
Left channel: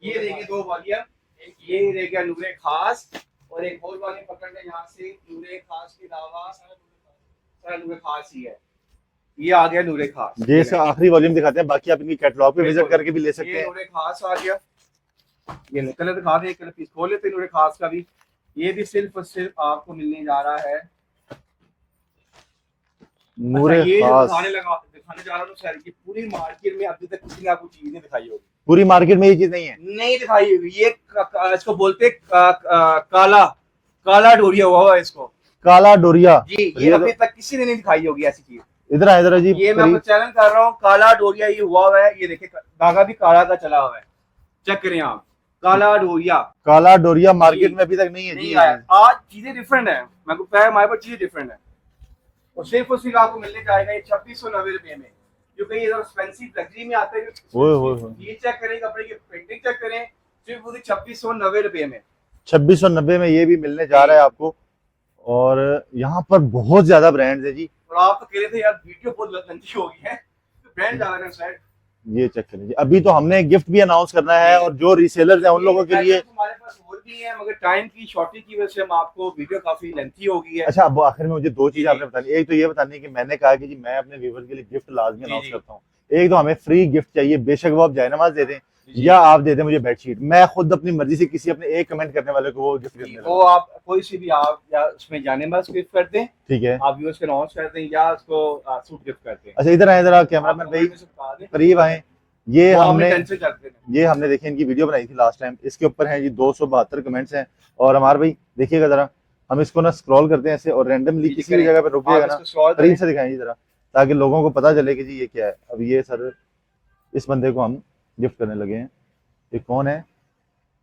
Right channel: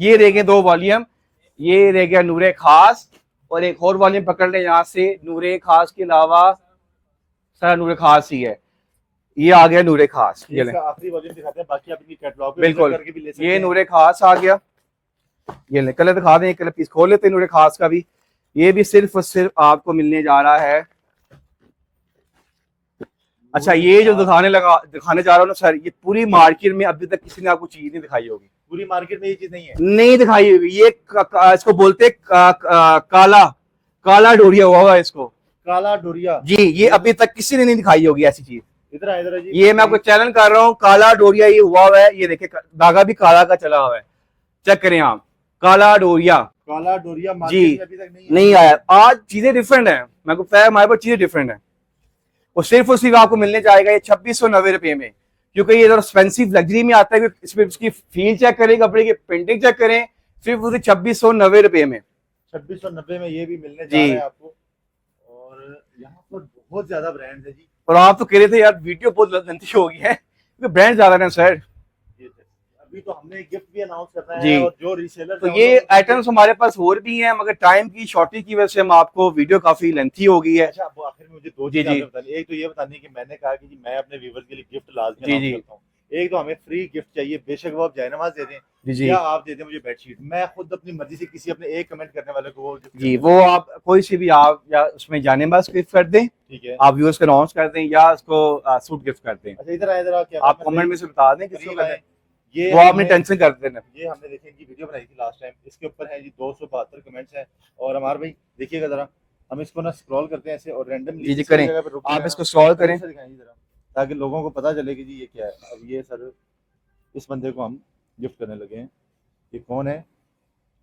ये रह गए 2 वॉल्यूम, ये रह गया नूरे खास और एक और वॉल्यूम पकड़ ले यहाँ से। नूरे खास के अलावा सारा नूरे खास ही है। ये आ गया नूरे खास, जैसे आखिरी वॉल्यूम दिखाते हैं, बाकी आप इनकी कैटलॉग पे विजिट करके भी ले सकते हैं। ये नूरे खास आ गया। ये ले कलर दिखा दें, कलर पीस खोल लेते हैं नूरे खास का भी। ये भी सिर्फ और सिर्फ आपको मिलने जा रहा है। अच्छा ये जो दिखाने जा रहा हूँ ना सर, ये पूरी मार्केट में अभी तक किसी ने आपको चीज नहीं दिखाई होगी। पूरी मार्केट में ये चीज नहीं दिखाई होगी। ये इसको बोलते काला डोरिया हुआ है इसको, काला डोरिया जी। ये अभी तक किसी ने नहीं दिखाई होगी ऐसी चीज। इधर जी, ये मैं आपको चैलेंज कर रहा हूँ, काला डोरिया ये हुआ है। ये देखिए धागा भी काला का चला हुआ है, चेक करें आप। काला डोरिया मार्केट में अभी तक नहीं आया। आज चीजें डिफरेंट है, मैं को पता है हमारे पास चीजें डिफरेंट है। और सिर्फ आपको मिलने जाएगा ये 2690 रुपए में, क्योंकि ये एक्सपेंसिव लग्जरी में आता है। इसमें इसकी फील चेक करें, कपड़े की प्रिंटिंग चेक करें, सिर्फ 2690 रुपए में। 2690 में ये भी मिलने जा रहा है आपको। और यहाँ पर बहुत ज्यादा ब्रांड्स है जी। और आप तो कह रहे थे यार वीडियो बहुत लंबी हो गई है, क्योंकि ब्रांड ज्यादा है सर। ये चेक करें जी, अभी तो हमने गिफ्ट भी अनाउंस करना है और जो रीसेलर्स हैं उन लोगों के लिए आइटम्स हमारे पास और भी हैं, मगर टाइम की शॉर्टेज की वजह से हम आपको वीडियो काफी लेंथी हो गई है। अच्छा अब आखिर में मुझे 2 चीजें आपने बतानी। एक तो ये बतानी कि मैंने कहा कि जी मैं अपने व्यूअर्स के लिए गिफ्ट लाजमी अनाउंस करता हूँ। एक तो हमें फ्री गिफ्ट चाहिए, बेशक वो आप जयनमाज दे दें या आप दे दें मुझे बेडशीट। मैं खुद अपनी मर्जी से किसी अपने एक कमेंट करने वाले को वो गिफ्ट जी, वो आप कोई सी भी आप या उसमें जानेबाज गिफ्ट कर दें, ठीक है, आप व्यूअर्स को अनाउंस कर दें या उसको सूट गिफ्ट कर दें। अच्छा इधर आए जरा, क्या आप कमेंट में से बता दें, करीब आए। ये हमने टेंशन करते हैं। ये हमने देखिए इनकी वीडियो बनाई थी लास्ट टाइम, इसके ऊपर है जी 272 कमेंट्स हैं। और हमारे भाई देखिएगा जरा, हम इसको ना स्क्रॉल करते हैं ऐसे और रैंडमली किसी जगह पे रुक जाएगा, इसको स्क्रॉल करें से दिखाएं जरा, ताकि लोगों को पता चले कि जी ये क्या है। अब ये सर इस बंदे को हम गिफ्ट करने लगे हैं। ये कौन है?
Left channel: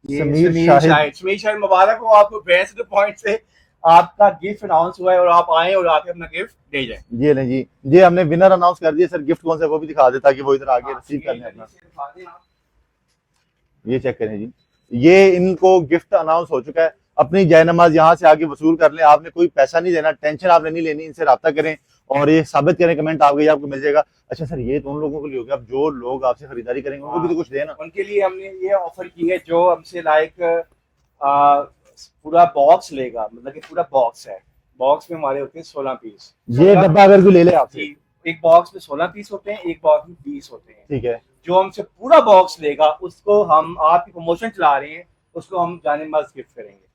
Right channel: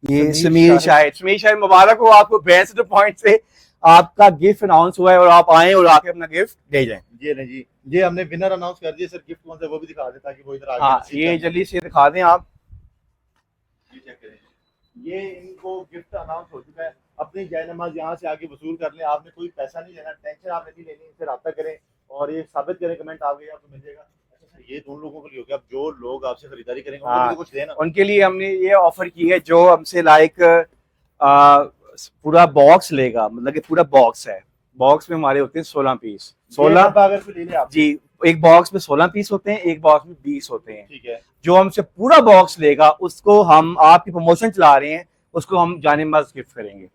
ये समीर शाहिद। मुबारक हो आपको, बेस्ट पॉइंट से आपका गिफ्ट अनाउंस हुआ है और आप आए और आके अपना गिफ्ट दे जाएं। ये नहीं जी, ये हमने विनर अनाउंस कर दिया सर। गिफ्ट कौन सा वो भी दिखा दे ताकि वो इधर आगे ये जल्दी से दिखा दें आप। ये चेक करें जी, ये इनको गिफ्ट अनाउंस हो चुका है। अपनी जयनमाज यहाँ से आगे वसूल कर लें, आपने कोई पैसा नहीं देना, टेंशन आपने नहीं लेनी। इनसे राब्ता करें और ये साबित करें कमेंट आप गई आपको मिल जाएगा। अच्छा सर ये तो उन लोगों के लिए हो गया, अब जो लोग आपसे खरीदारी करेंगे उनको भी तो कुछ देना। उनके लिए हमने ये ऑफर की है, जो हमसे लाइक पूरा बॉक्स लेगा, मतलब कि पूरा बॉक्स है, बॉक्स में हमारे होते हैं 16 पीस। ये 16 डब्बा अगर कोई ले ले आप, जी, एक बॉक्स में 16 पीस होते हैं, एक बॉक्स में 20 होते हैं। ठीक है, जो हमसे पूरा बॉक्स लेगा उसको हम, आपकी प्रमोशन चला रहे हैं, उसको हम जानेमाज गिफ्ट करेंगे।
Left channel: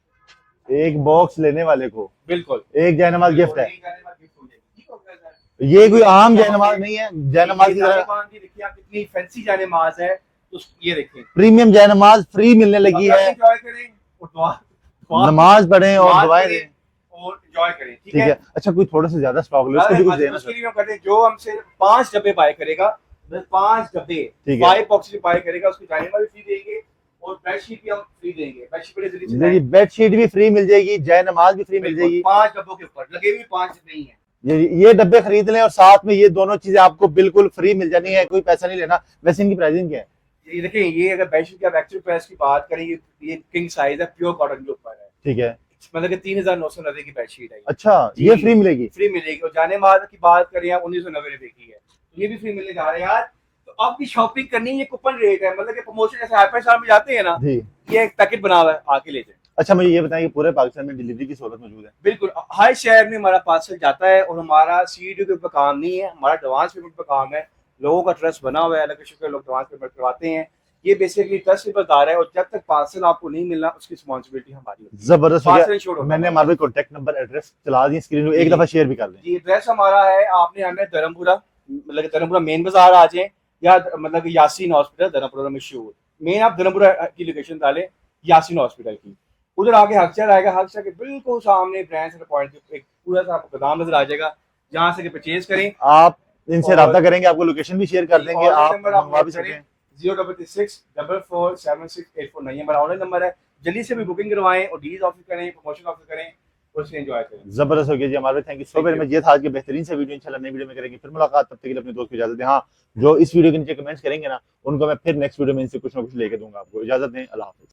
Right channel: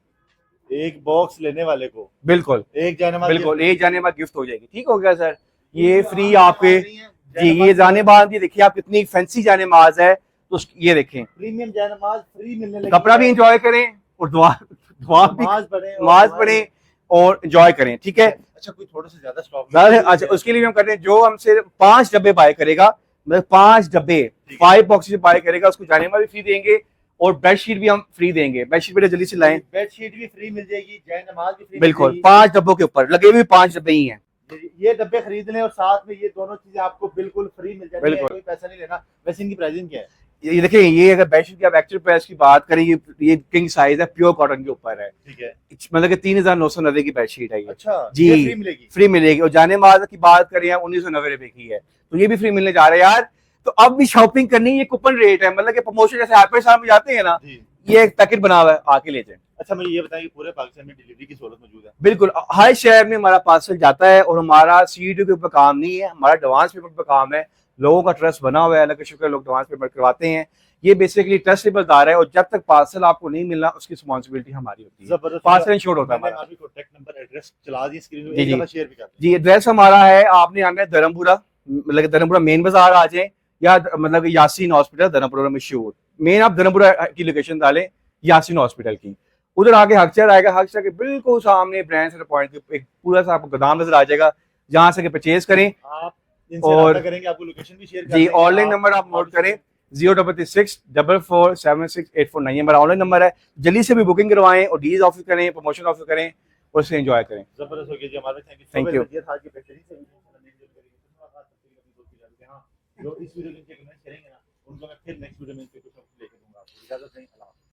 एक बॉक्स लेने वाले को बिल्कुल एक जयनमाज गिफ्ट बिल्कुल, है। एक जानेमाज गिफ्ट हो जाएगी। ठीक हो गया सर। ये कोई आम फ्री आप जयनमाज पे- नहीं है, जी, ये जानेमाज, ये देखिए आप कितनी फैंसी जानेमाज है। तो ये देखें, प्रीमियम जयनमाज फ्री मिलने लगी कपड़ा भी है। एंजॉय करें और दुआ नमाज पढ़ें और नमाज दुआएं पढ़ें दें। और एंजॉय करें। ठीक है। अच्छा, कोई थोड़ा सा ज्यादा स्टॉक अच्छा, उसके लिए हम करते हैं, जो हमसे 5 डब्बे बाय करेगा, मतलब 5 डब्बे, ठीक है। 5 बॉक्सेस बाय करेगा, उसको जानेमाज भी फ्री देंगे और बेडशीट भी हम फ्री देंगे। बेडशीट बेटा जल्दी से लाएं। बेडशीट भी फ्री मिल जाएगी, जयनमाज भी फ्री मिल बिल्कुल, जाएगी। 5 डब्बों के ऊपर लगे हुए 5 डब्बे ही हैं। ये डब्बे खरीद लें और साथ में ये दोनों चीजें आपको बिल्कुल फ्री मिल जाती है, बिल्कुल। कोई पैसा नहीं लेना। वैसे इनकी प्राइसिंग क्या है? ये देखिए, ये अगर बेडशीट की आप एक्चुअल प्राइस की बात करें, ये किंग साइज है, प्योर कॉटन के ऊपर है, ठीक है। मतलब कि 3990 की बेडशीट है ये। अच्छा, जी, ये फ्री मिलेगी? फ्री मिलेगी। और जानेमाज की बात करें 1990 रुपए की है, तो ये भी फ्री मिलने जा रहे हैं यार। तो अब भी शॉपिंग करनी, ये कूपन रेट है, मतलब कि प्रमोशन जैसे हाइपर शॉप में जाते हैं ना, जी। ये एक पैकेट बना हुआ है, आके ले जाए। अच्छा, मुझे ये बताएं कि पूरे पाकिस्तान में डिलीवरी की सहूलत मौजूद है? बिल्कुल, हर शहर में हमारा पार्सल जाता है और हमारा सीडी के ऊपर काम नहीं है, हमारा एडवांस पेमेंट पर काम है। लोगों का ट्रस्ट बना हुआ है, अल्लाह का शुक्र है, लोग एडवांस पेमेंट करवाते हैं। ये बेसिकली ट्रस्टेबल है और जब तक पार्सल आपको नहीं मिलना उसकी रिस्पांसिबिलिटी हमारी होती है। जबरदस्त। पार्सल इंश्योर्ड होता है मैंने हमारा। हमारे कॉन्टैक्ट नंबर एड्रेस चला दी स्क्रीन पे, जी, एक जी। दफा शेयर भी कर लें। जी, एड्रेस हमारा है, आपने आना है धर्मपुरा, मतलब कि धर्मपुरा मेन बाजार आ जाए, या मतलब कि यासीन हॉस्पिटल धर्मपुरा में मशहूर। मेन आप धर्मपुरा की लोकेशन डालें, यासीन हॉस्पिटल की, उधर आगे हकचर आएगा, हकचर के बिल्कुल सामने ब्रांड सेंटर पॉइंट के एक पूरा सा आपको गोदाम नजर आ जाएगा, जहां से परचेज करें। आप इनसे और- रब्ता करेंगे, आपको लोकेशन भी शेयर कर जी, देंगे। ऑनलाइन नंबर आप मंगवा भी नोट करें, सकते हैं। 06644768449 हमारा ऑनलाइन नंबर है। जल्दी से भी बुकिंग करवाएं और डील्स ऑफर करें, प्रमोशन ऑफर करें और उससे एंजॉय करें। जबरदस्त हो गया जी हमारे। Thank you so Thank very you. Much. ये था आज के बेहतरीन से वीडियो, इंशाल्लाह नई वीडियो में करेंगे फिर मुलाकात। तब तक के लिए अपने दोस्त को इजाजत दें। हाँ, जो इस वीडियो के नीचे कमेंट्स करेंगे ना, उनको मैं फिर नेक्स्ट वीडियो में इनसे कुछ ना कुछ लेके दूंगा। आपको इजाजत दें। अल्लाह हाफिज़।